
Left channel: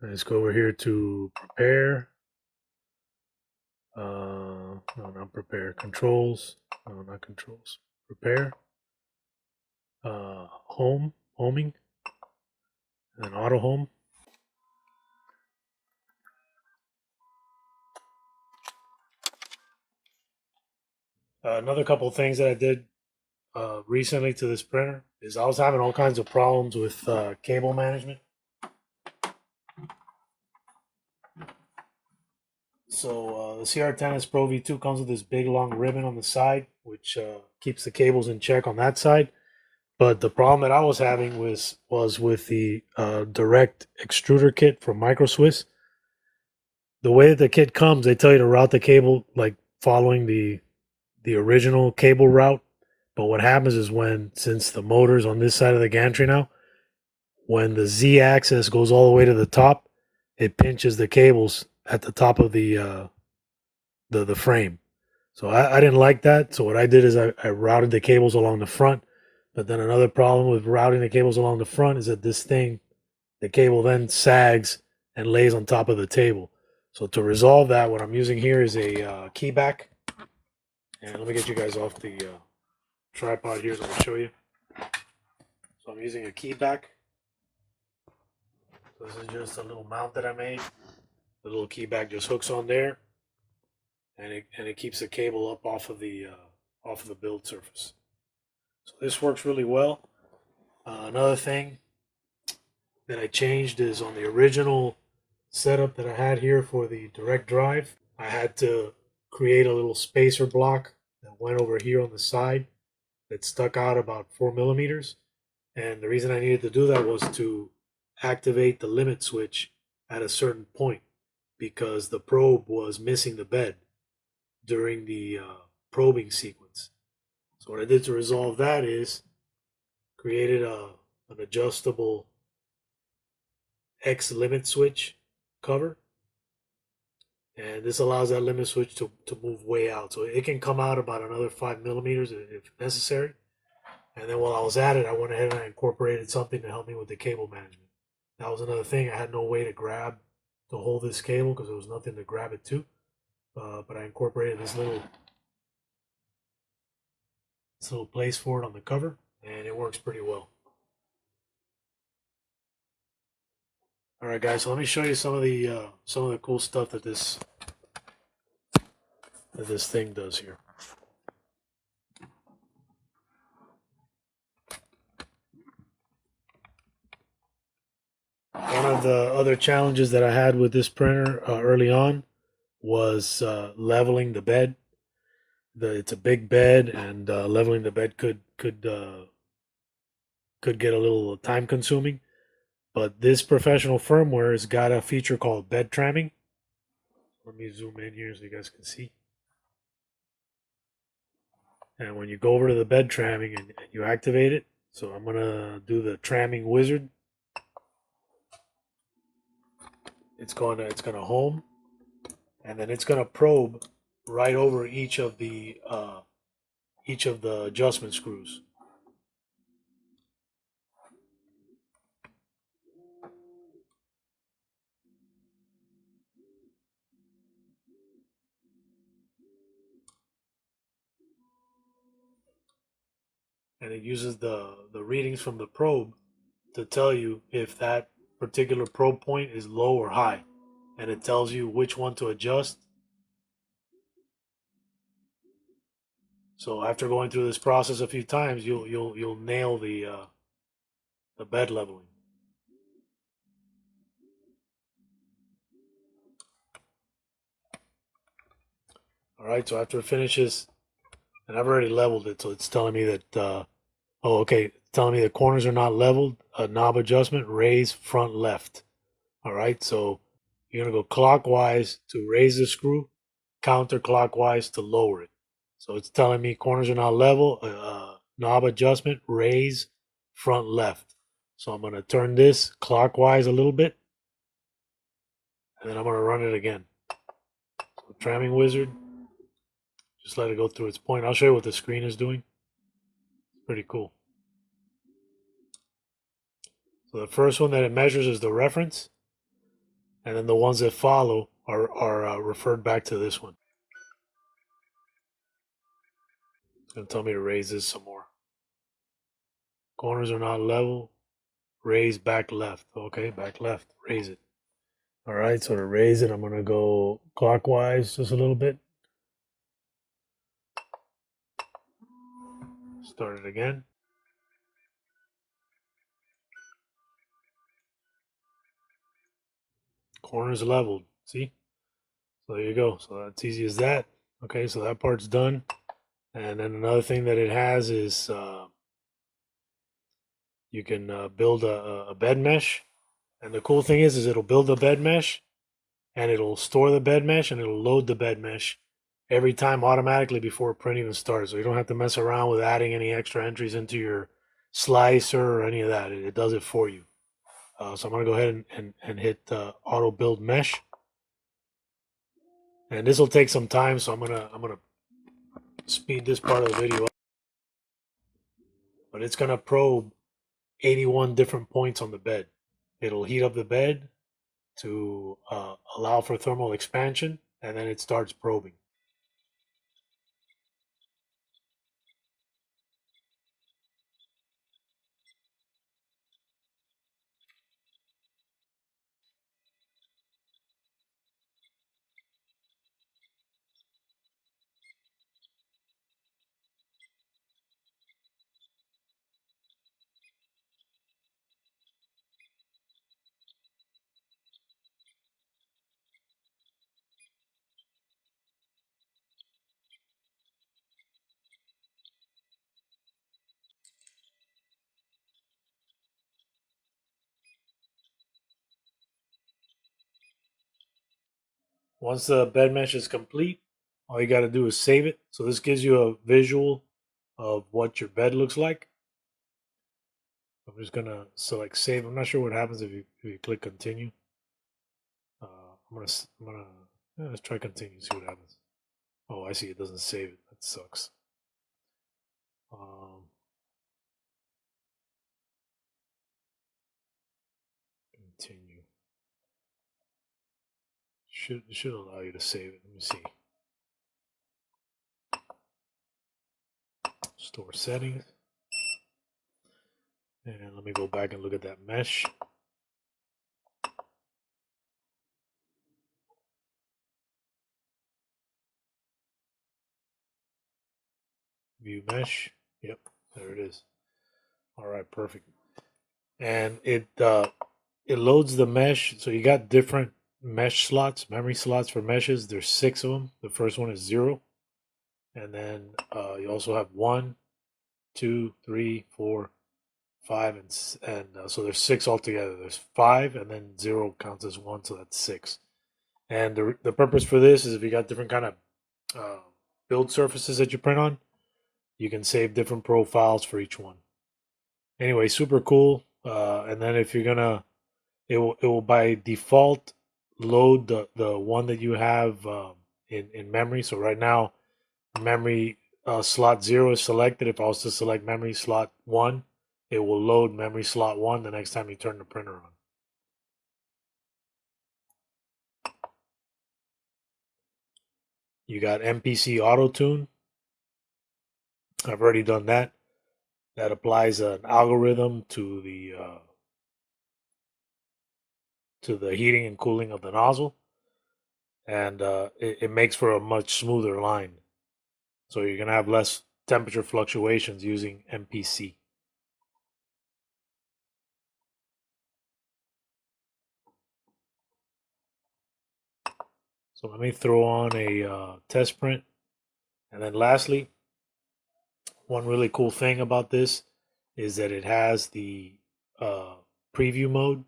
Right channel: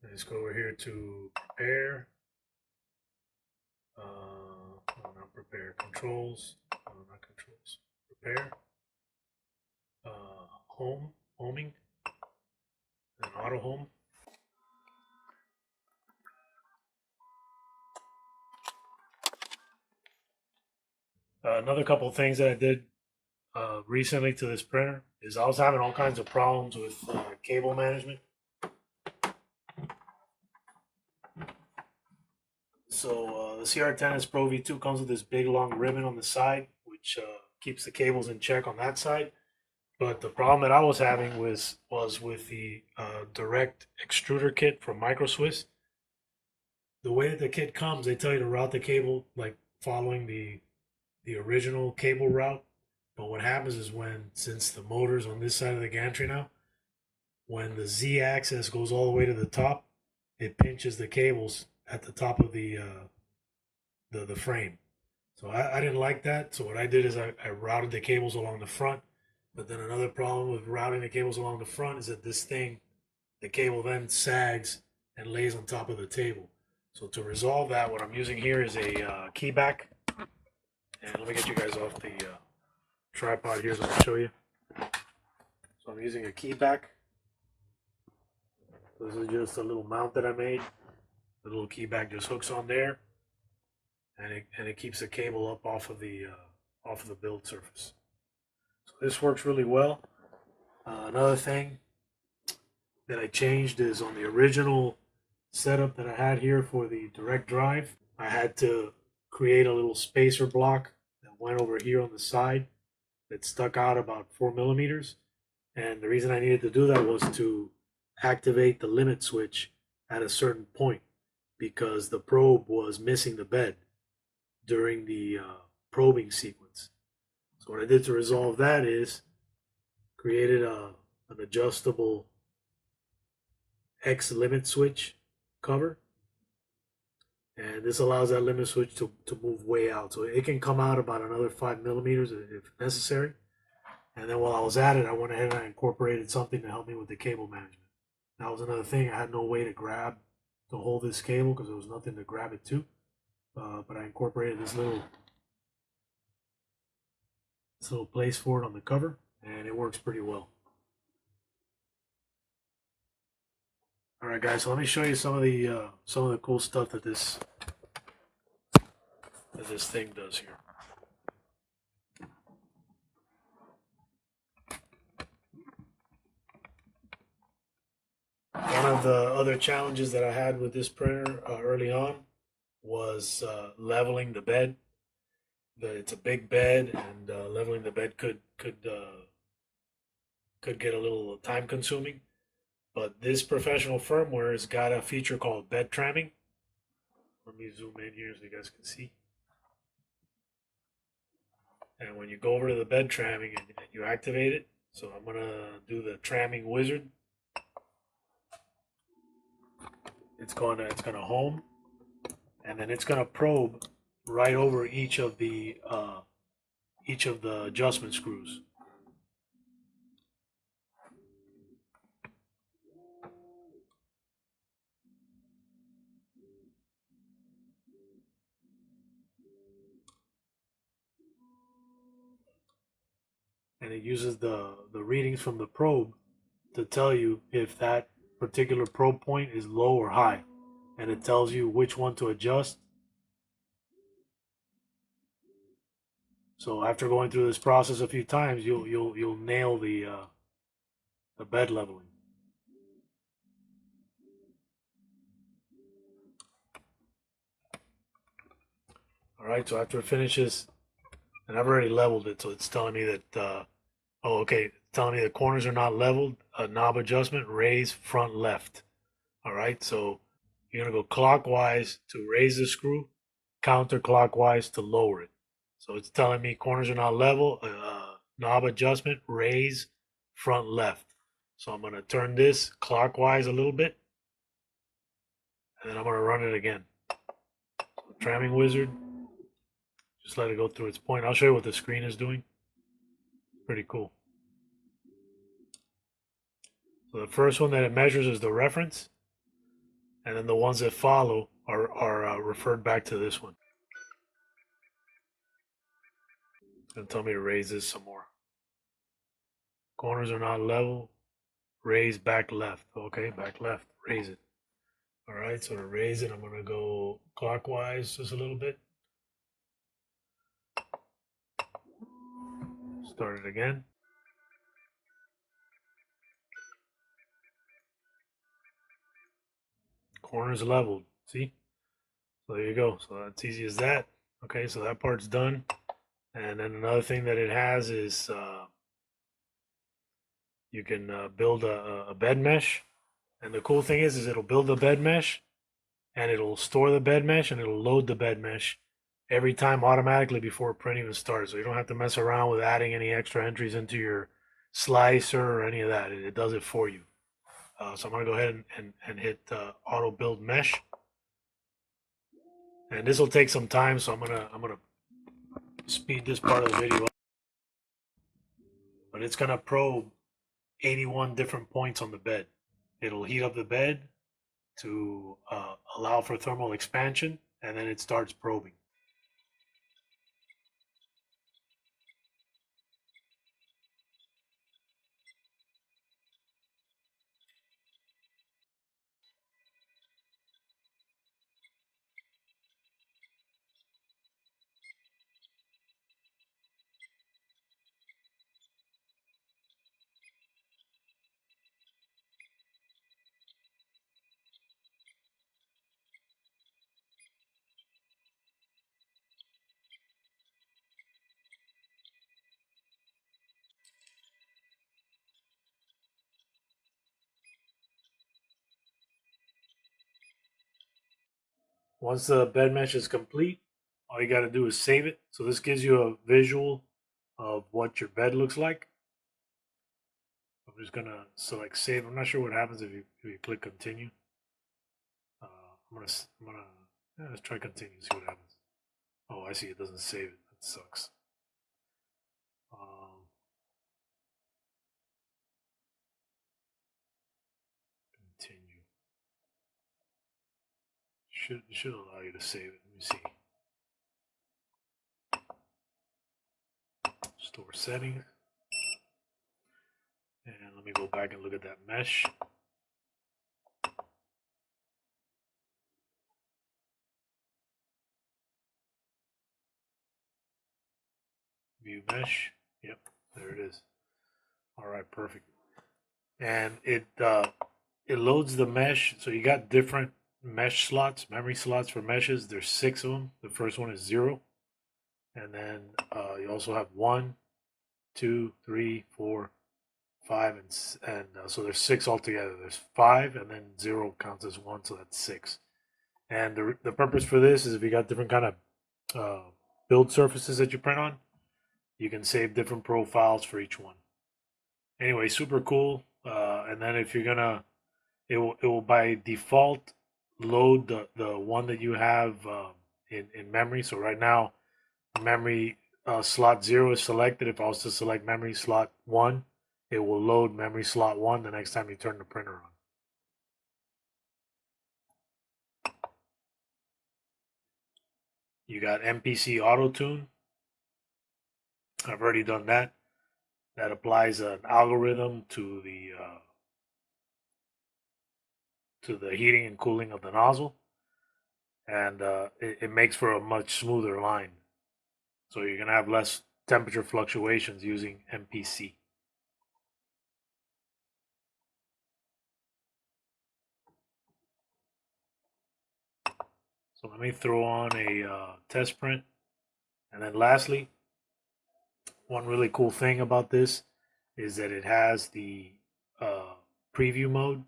Let's go over here to prepare. No, not prepare. Controls. No, not controls. Prepare. Homing, and then auto home. Another couple of things that I did recently to this printer is I was having all kinds of problems with cable management. So the CR10S Pro V2 comes with this big long ribbon on the side, which keeps the cables in check on that side. But the problem that I was having was with the direct extruder kit from Micro Swiss. The way that the kit comes, they tell you to route the cable like following the original cable route. But what happens is, since the motor's on this side of the gantry now, when the Z axis goes all the way to the top, it pinches the cables at the top of the frame. So I didn't like that. So what I did is I routed the cables along the front. But then another problem with routing the cables along the front is that the cable then sags and lays on top of the table. So to resolve that, what I'm using here is a key back. And let me get you guys off the tripod here so I can show you. So I'm using a key back. So this is just a little mount that I made. The little key back just hooks on there, and it keeps the cable up off of the build surface. So this works really well. Another thing that I changed is on the original setup that I had here for the direct drive, I had to create a little spacer block that went over here on the side that stuck out about 4 millimeters. And the reason I needed to do that was to activate the limit switch at a certain point, because the probe was missing the bed during the probing sequence. So what I did to resolve that is created an adjustable X limit switch cover, and this allows that limit switch to move way out, so it can come out about another 5 millimeters if necessary. And then while I was at it, I went ahead and I incorporated something to help me with the cable management. That was another thing. I had no way to hold this cable because there was nothing to grab it to, but I incorporated this little this little place for it on the cover, and it works pretty well. All right, guys. So let me show you some of the cool stuff that this thing does here. One of the other challenges that I had with this printer early on was leveling the bed. It's a big bed, and leveling the bed could get a little time consuming. But this professional firmware has got a feature called bed tramming. Let me zoom in here so you guys can see. And when you go over to the bed tramming and you activate it, so I'm gonna do the tramming wizard. It's gonna home, and then it's gonna probe right over each of the adjustment screws. And it uses the readings from the probe to tell you if that particular probe point is low or high, and it tells you which one to adjust. So after going through this process a few times, you'll nail the bed leveling. All right, so after it finishes, and I've already leveled it, so it's telling me that oh, okay, telling me the corners are not leveled. A knob adjustment, raise front left. All right, so you're gonna go clockwise to raise the screw, counterclockwise to lower it. So it's telling me corners are not level. Knob adjustment, raise front left. So I'm gonna turn this clockwise a little bit, and then I'm gonna run it again. So tramming wizard, just let it go through its point. I'll show you what the screen is doing. Pretty cool. So the first one that it measures is the reference, and then the ones that follow are referred back to this one. It's going to tell me to raise this some more. Corners are not level. Raise back left. Okay, back left. Raise it. All right, so to raise it, I'm going to go clockwise just a little bit. Start it again. Corners leveled. See? So there you go. So that's easy as that. Okay, so that part's done. And then another thing that it has is you can build a bed mesh. And the cool thing is it'll build the bed mesh, and it'll store the bed mesh, and it'll load the bed mesh every time automatically before print even starts. So you don't have to mess around with adding any extra entries into your slicer or any of that. It does it for you. So I'm going to go ahead and hit auto build mesh. And this will take some time, so I'm gonna speed this part of the video up. But it's gonna probe 81 different points on the bed. It'll heat up the bed to allow for thermal expansion, and then it starts probing. Once the bed mesh is complete, all you got to do is save it. So this gives you a visual of what your bed looks like. I'm just gonna select save. I'm not sure what happens if you click continue. I'm gonna yeah, let's try continue. See what happens. Oh, I see. It doesn't save it. That sucks. Continue. Should allow you to save it. Let me see. Store settings. And let me go back and look at that mesh. View mesh. Yep, there it is. All right, perfect. And it loads the mesh. So you got different mesh slots, memory slots for meshes. There's 6 of them. The first one is 0, and then you also have 1, 2, 3, 4, 5, and so there's 6 altogether. There's 5, and then 0 counts as 1, so that's 6. And the purpose for this is if you got different kind of build surfaces that you print on, you can save different profiles for each one. Anyway, super cool. And then if you're gonna, it will by default load the one that you have in memory. So right now, memory slot 0 is selected. If I was to select memory slot 1, it will load memory slot 1 the next time you turn the printer on. You got MPC Auto Tune. I've already done that. That applies an algorithm to the heating and cooling of the nozzle, and it makes for a much smoother line. So you're gonna have less temperature fluctuations using MPC. So let me throw on a test print, and then lastly, one really cool thing about this is that it has the preview mode.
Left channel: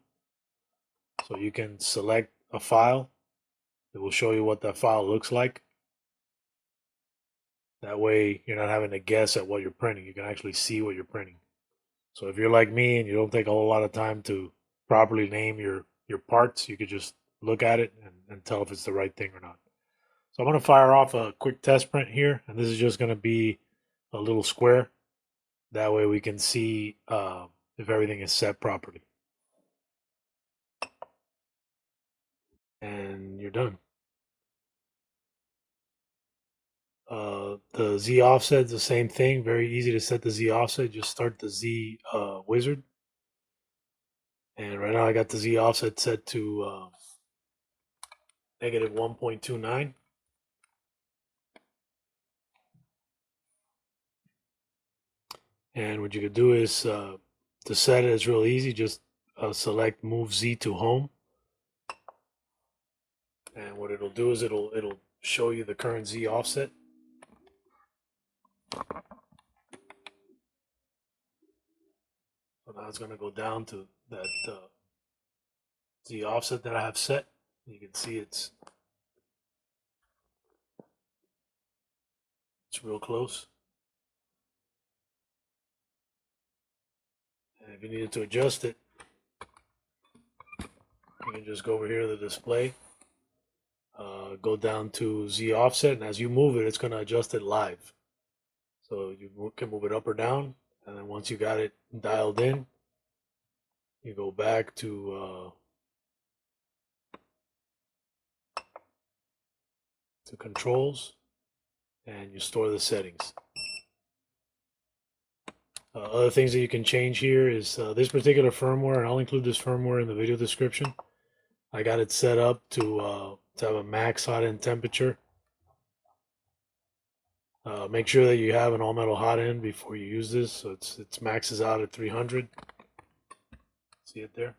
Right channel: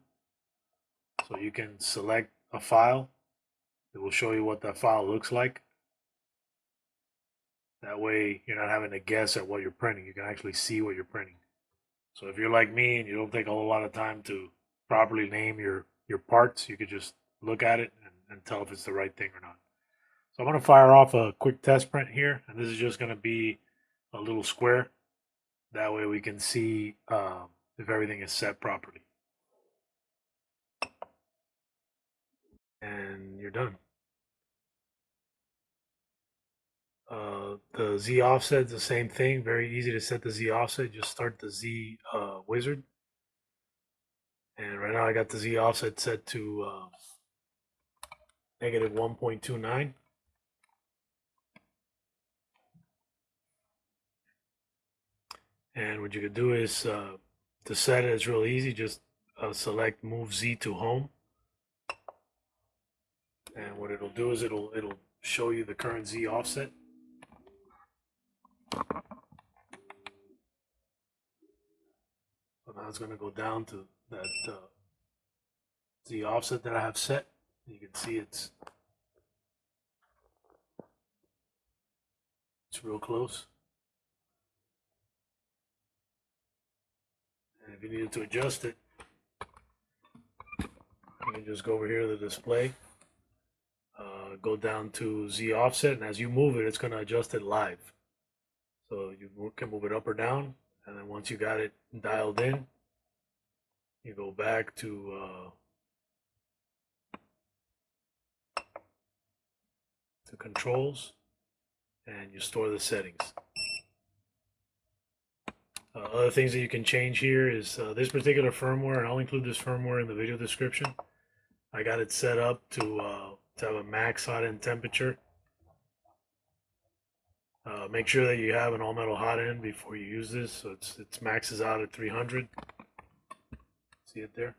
So you can select a file. It will show you what that file looks like. That way you're not having to guess at what you're printing. You can actually see what you're printing. So if you're like me and you don't take a whole lot of time to properly name your parts, you could just look at it and tell if it's the right thing or not. So I'm going to fire off a quick test print here, and this is just going to be a little square. That way we can see if everything is set properly. And you're done. The Z offset is the same thing. Very easy to set the Z offset. Just start the Z wizard. And right now I got the Z offset set to negative 1.29. And what you could do is to set it, it's real easy. Just select Move Z to Home. And what it'll do is it'll show you the current Z offset. So now it's going to go down to that Z offset that I have set. You can see it's real close. And if you needed to adjust it, you can just go over here to the display, go down to Z offset, and as you move it, it's going to adjust it live. So you can move it up or down, and then once you got it dialed in, you go back to controls, and you store the settings. Other things that you can change here is this particular firmware, and I'll include this firmware in the video description. I got it set up to have a max hot end temperature. Make sure that you have an all metal hot end before you use this. So it's maxes out at 300. See it there?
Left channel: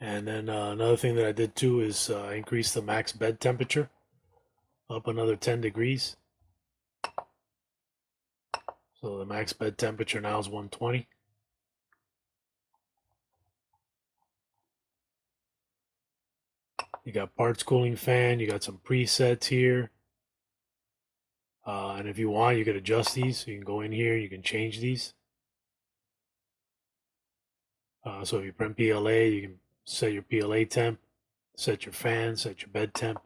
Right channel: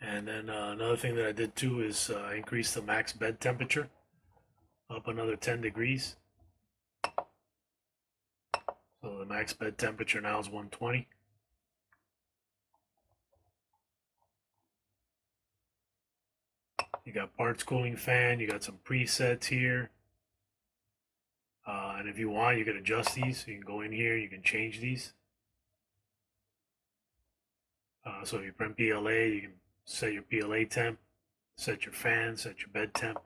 And then another thing that I did too is increase the max bed temperature up another 10 degrees. So the max bed temperature now is 120. You got parts cooling fan, you got some presets here. And if you want, you can adjust these. So you can go in here, you can change these. So if you print PLA, you can set your PLA temp, set your fan, set your bed temp.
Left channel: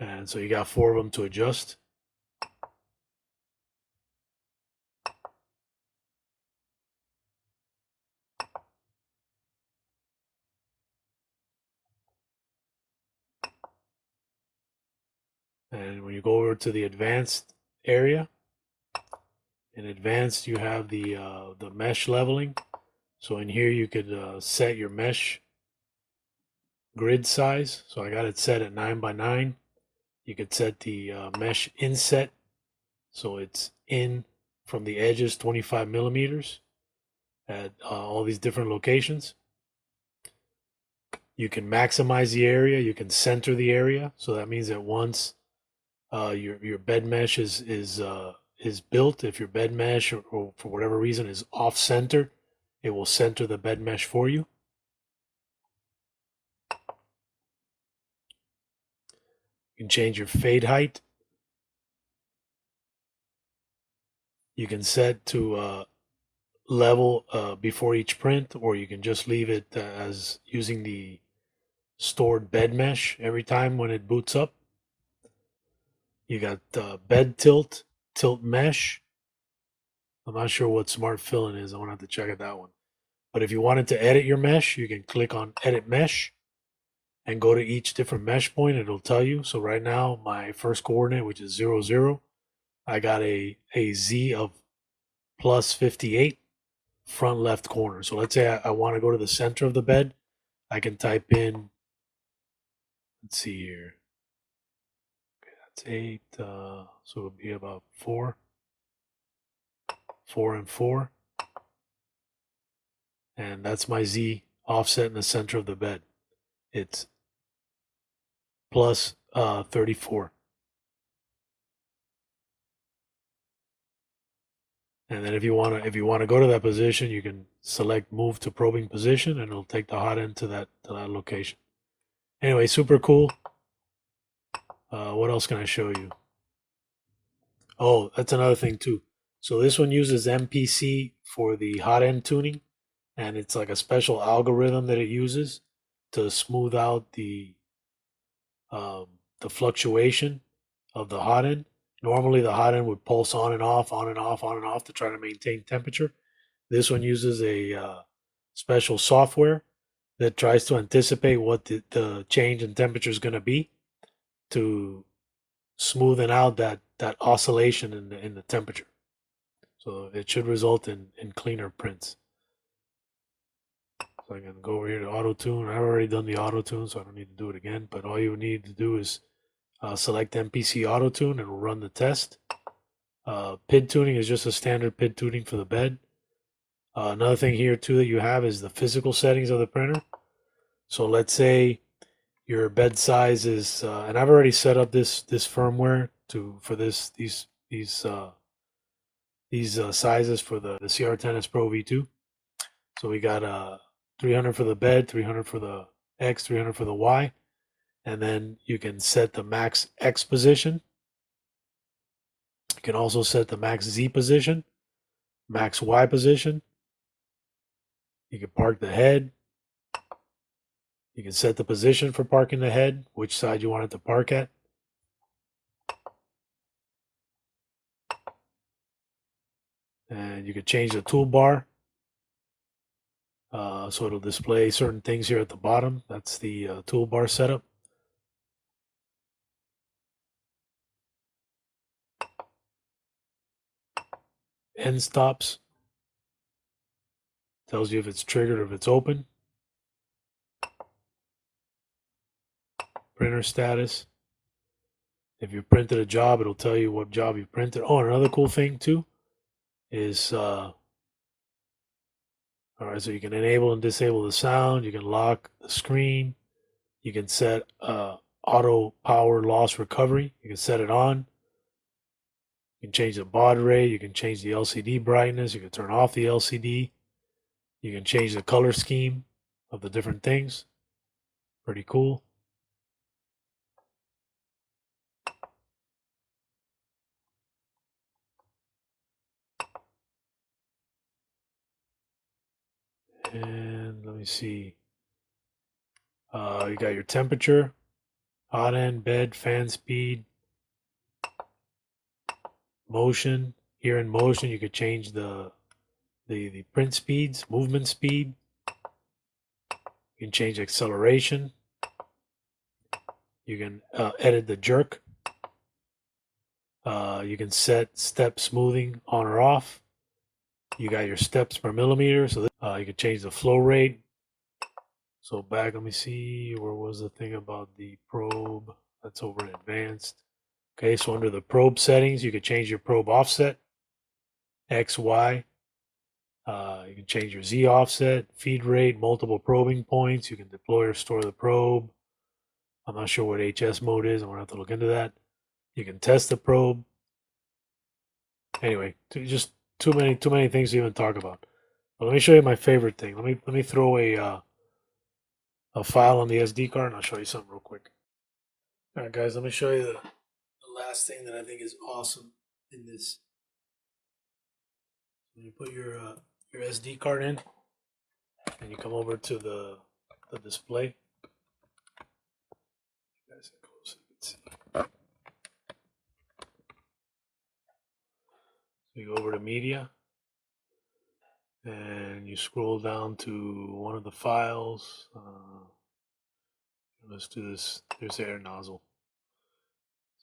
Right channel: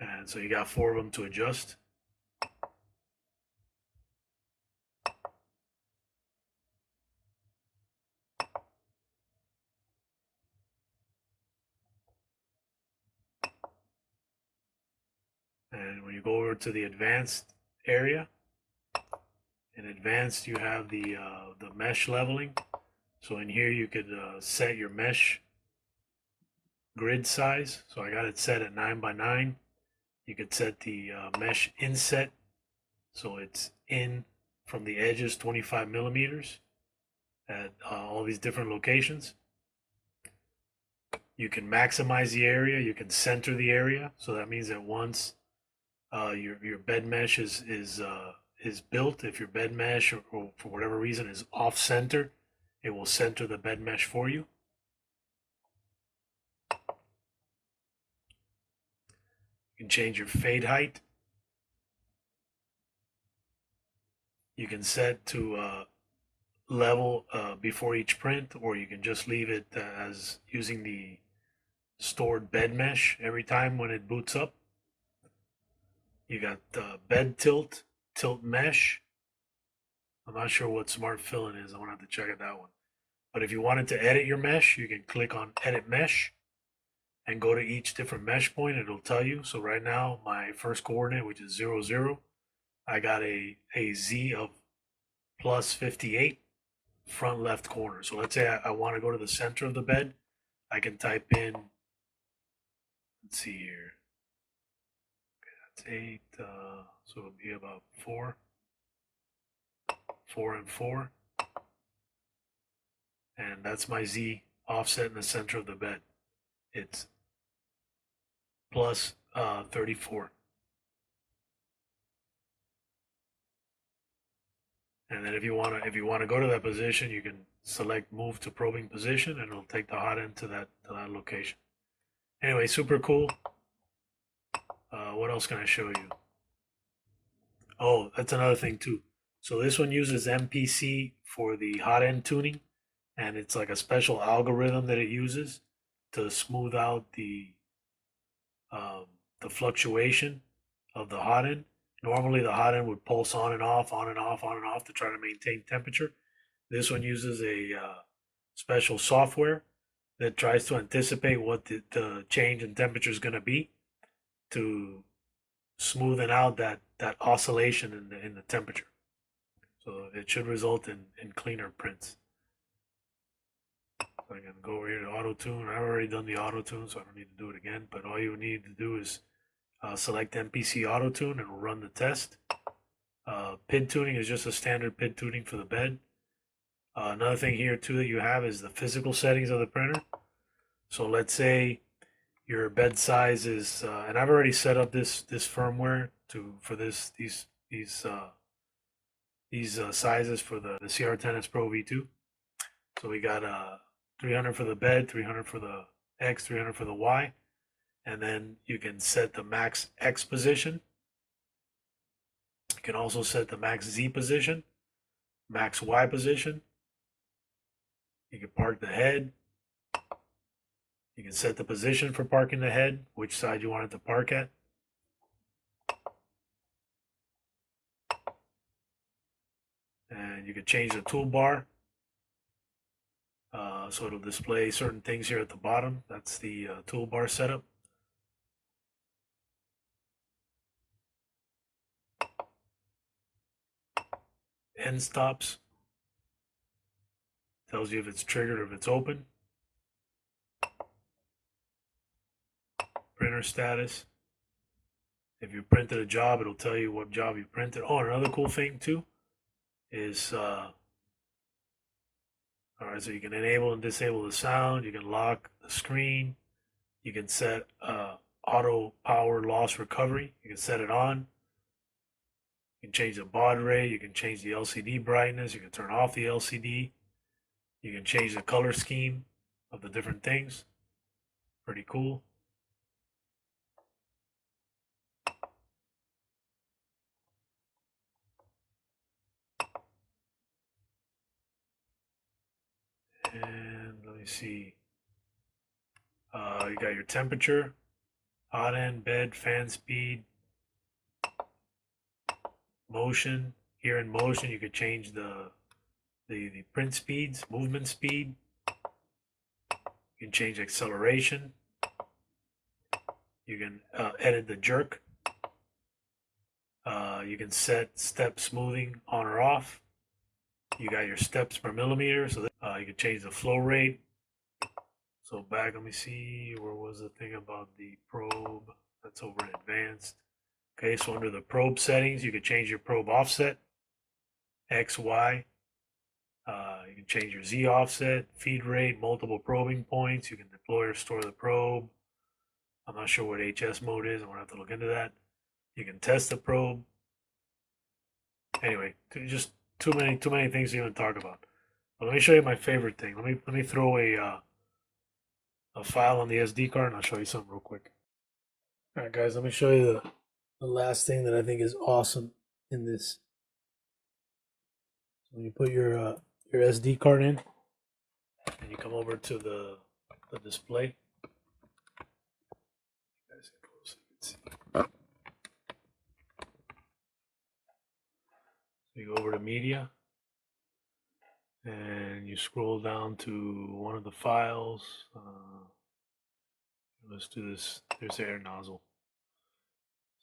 And so you got 4 of them to adjust. And when you go over to the advanced area, in advanced you have the mesh leveling. So in here you could set your mesh grid size. So I got it set at 9x9. You could set the mesh inset, so it's in from the edges 25 millimeters at all these different locations. You can maximize the area. You can center the area. So that means that once your bed mesh is built, if your bed mesh or for whatever reason is off center, it will center the bed mesh for you. You can change your fade height. You can set to level before each print, or you can just leave it as using the stored bed mesh every time when it boots up. You got bed tilt, tilt mesh. I'm not sure what smart filling is. I want to have to check out that one. But if you wanted to edit your mesh, you can click on edit mesh and go to each different mesh point. It'll tell you. So right now, my first coordinate, which is 0, 0, I got a Z of plus 58 front left corner. So let's say I want to go to the center of the bed. I can type in, let's see here. Okay, that's 8. So it'll be about 4, 4 and 4. And that's my Z offset in the center of the bed. It's plus 34. And then if you wanna go to that position, you can select move to probing position, and it'll take the hot end to that location. Anyway, super cool. What else can I show you? Oh, that's another thing too. So this one uses MPC for the hot end tuning, and it's like a special algorithm that it uses to smooth out the fluctuation of the hot end. Normally the hot end would pulse on and off, on and off, on and off to try to maintain temperature. This one uses a special software that tries to anticipate what the change in temperature is going to be to smoothen out that oscillation in the temperature. So it should result in cleaner prints. So I can go over here to auto tune. I've already done the auto tune, so I don't need to do it again. But all you need to do is select MPC auto tune, and it'll run the test. PID tuning is just a standard PID tuning for the bed. Another thing here too that you have is the physical settings of the printer. So let's say your bed size is, and I've already set up this firmware for these sizes for the CR10S Pro V2. So we got 300 for the bed, 300 for the X, 300 for the Y, and then you can set the max X position. You can also set the max Z position, max Y position. You can park the head. You can set the position for parking the head, which side you want it to park at. And you can change the toolbar. So it'll display certain things here at the bottom. That's the toolbar setup. End stops. Tells you if it's triggered or if it's open. Printer status. If you printed a job, it'll tell you what job you printed. Oh, another cool thing too is, all right, so you can enable and disable the sound. You can lock the screen. You can set auto power loss recovery. You can set it on. You can change the baud rate. You can change the LCD brightness. You can turn off the LCD. You can change the color scheme of the different things. Pretty cool. And let me see. You got your temperature, hot end, bed, fan speed, motion. Here in motion, you could change the print speeds, movement speed. You can change acceleration. You can edit the jerk. You can set step smoothing on or off. You got your steps per millimeter, so you can change the flow rate. So back, let me see, where was the thing about the probe? That's over in advanced. Okay, so under the probe settings, you can change your probe offset, X, Y. You can change your Z offset, feed rate, multiple probing points. You can deploy or store the probe. I'm not sure what HS mode is. I'm gonna have to look into that. You can test the probe. Anyway, just too many things to even talk about. But let me show you my favorite thing. Let me throw a file on the SD card, and I'll show you something real quick. All right, guys, let me show you the last thing that I think is awesome in this. When you put your SD card in, and you come over to the display. You guys get close, you can see. So you go over to media, and you scroll down to one of the files. Let's do this. There's the air nozzle.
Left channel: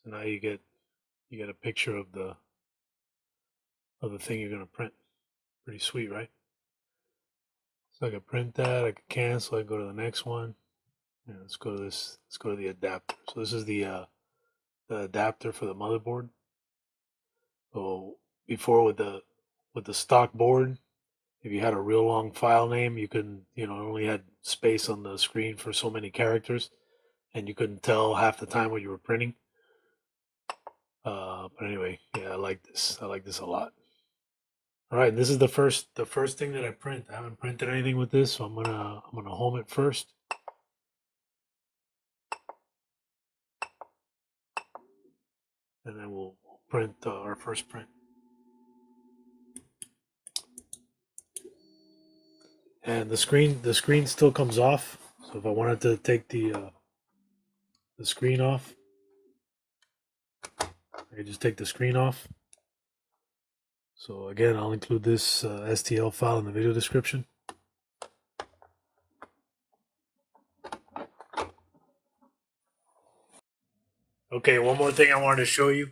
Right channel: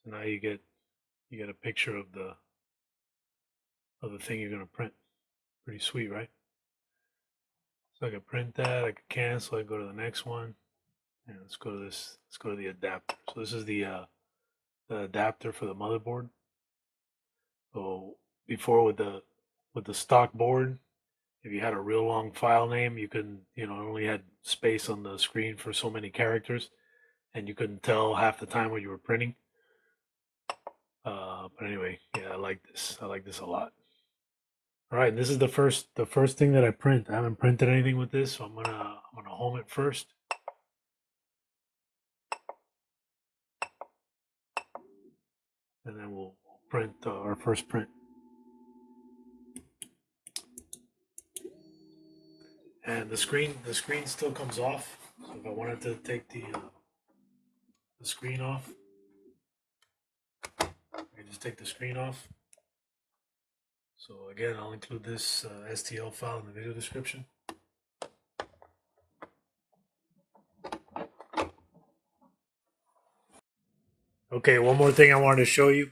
So now you get a picture of the thing you're gonna print. Pretty sweet, right? So I can print that. I can cancel. I can go to the next one. Yeah, let's go to this. Let's go to the adapter. So this is the adapter for the motherboard. So before with the stock board, if you had a real long file name, you couldn't, only had space on the screen for so many characters, and you couldn't tell half the time what you were printing. But anyway, yeah, I like this. I like this a lot. All right, this is the first thing that I print. I haven't printed anything with this, so I'm gonna home it first. And then we'll print our first print. And the screen still comes off. So if I wanted to take the screen off, I can just take the screen off. So again, I'll include this STL file in the video description. Okay, one more thing I wanted to show you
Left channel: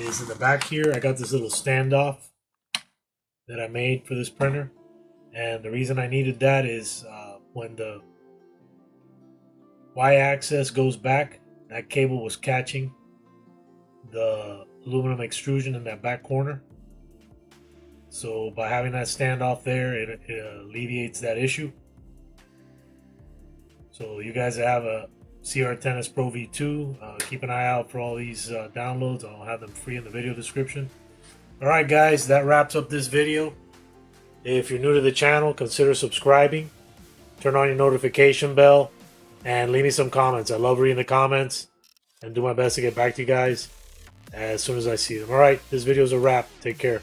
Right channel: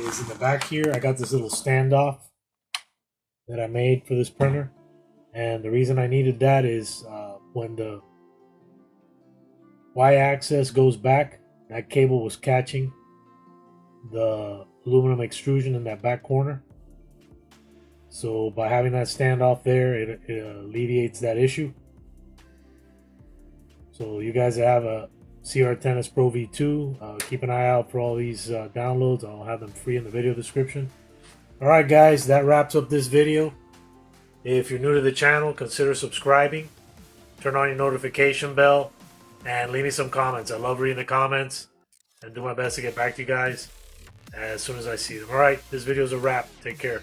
is in the back here, I got this little standoff that I made for this printer. And the reason I needed that is when the Y-axis goes back, that cable was catching the aluminum extrusion in that back corner. So by having that standoff there, it alleviates that issue. So you guys have a CR10S Pro V2. Keep an eye out for all these downloads. I'll have them free in the video description. Alright guys, that wraps up this video. If you're new to the channel, consider subscribing. Turn on your notification bell. And leave me some comments. I love reading the comments. And do my best to get back to you guys as soon as I see them. Alright, this video is a wrap. Take care.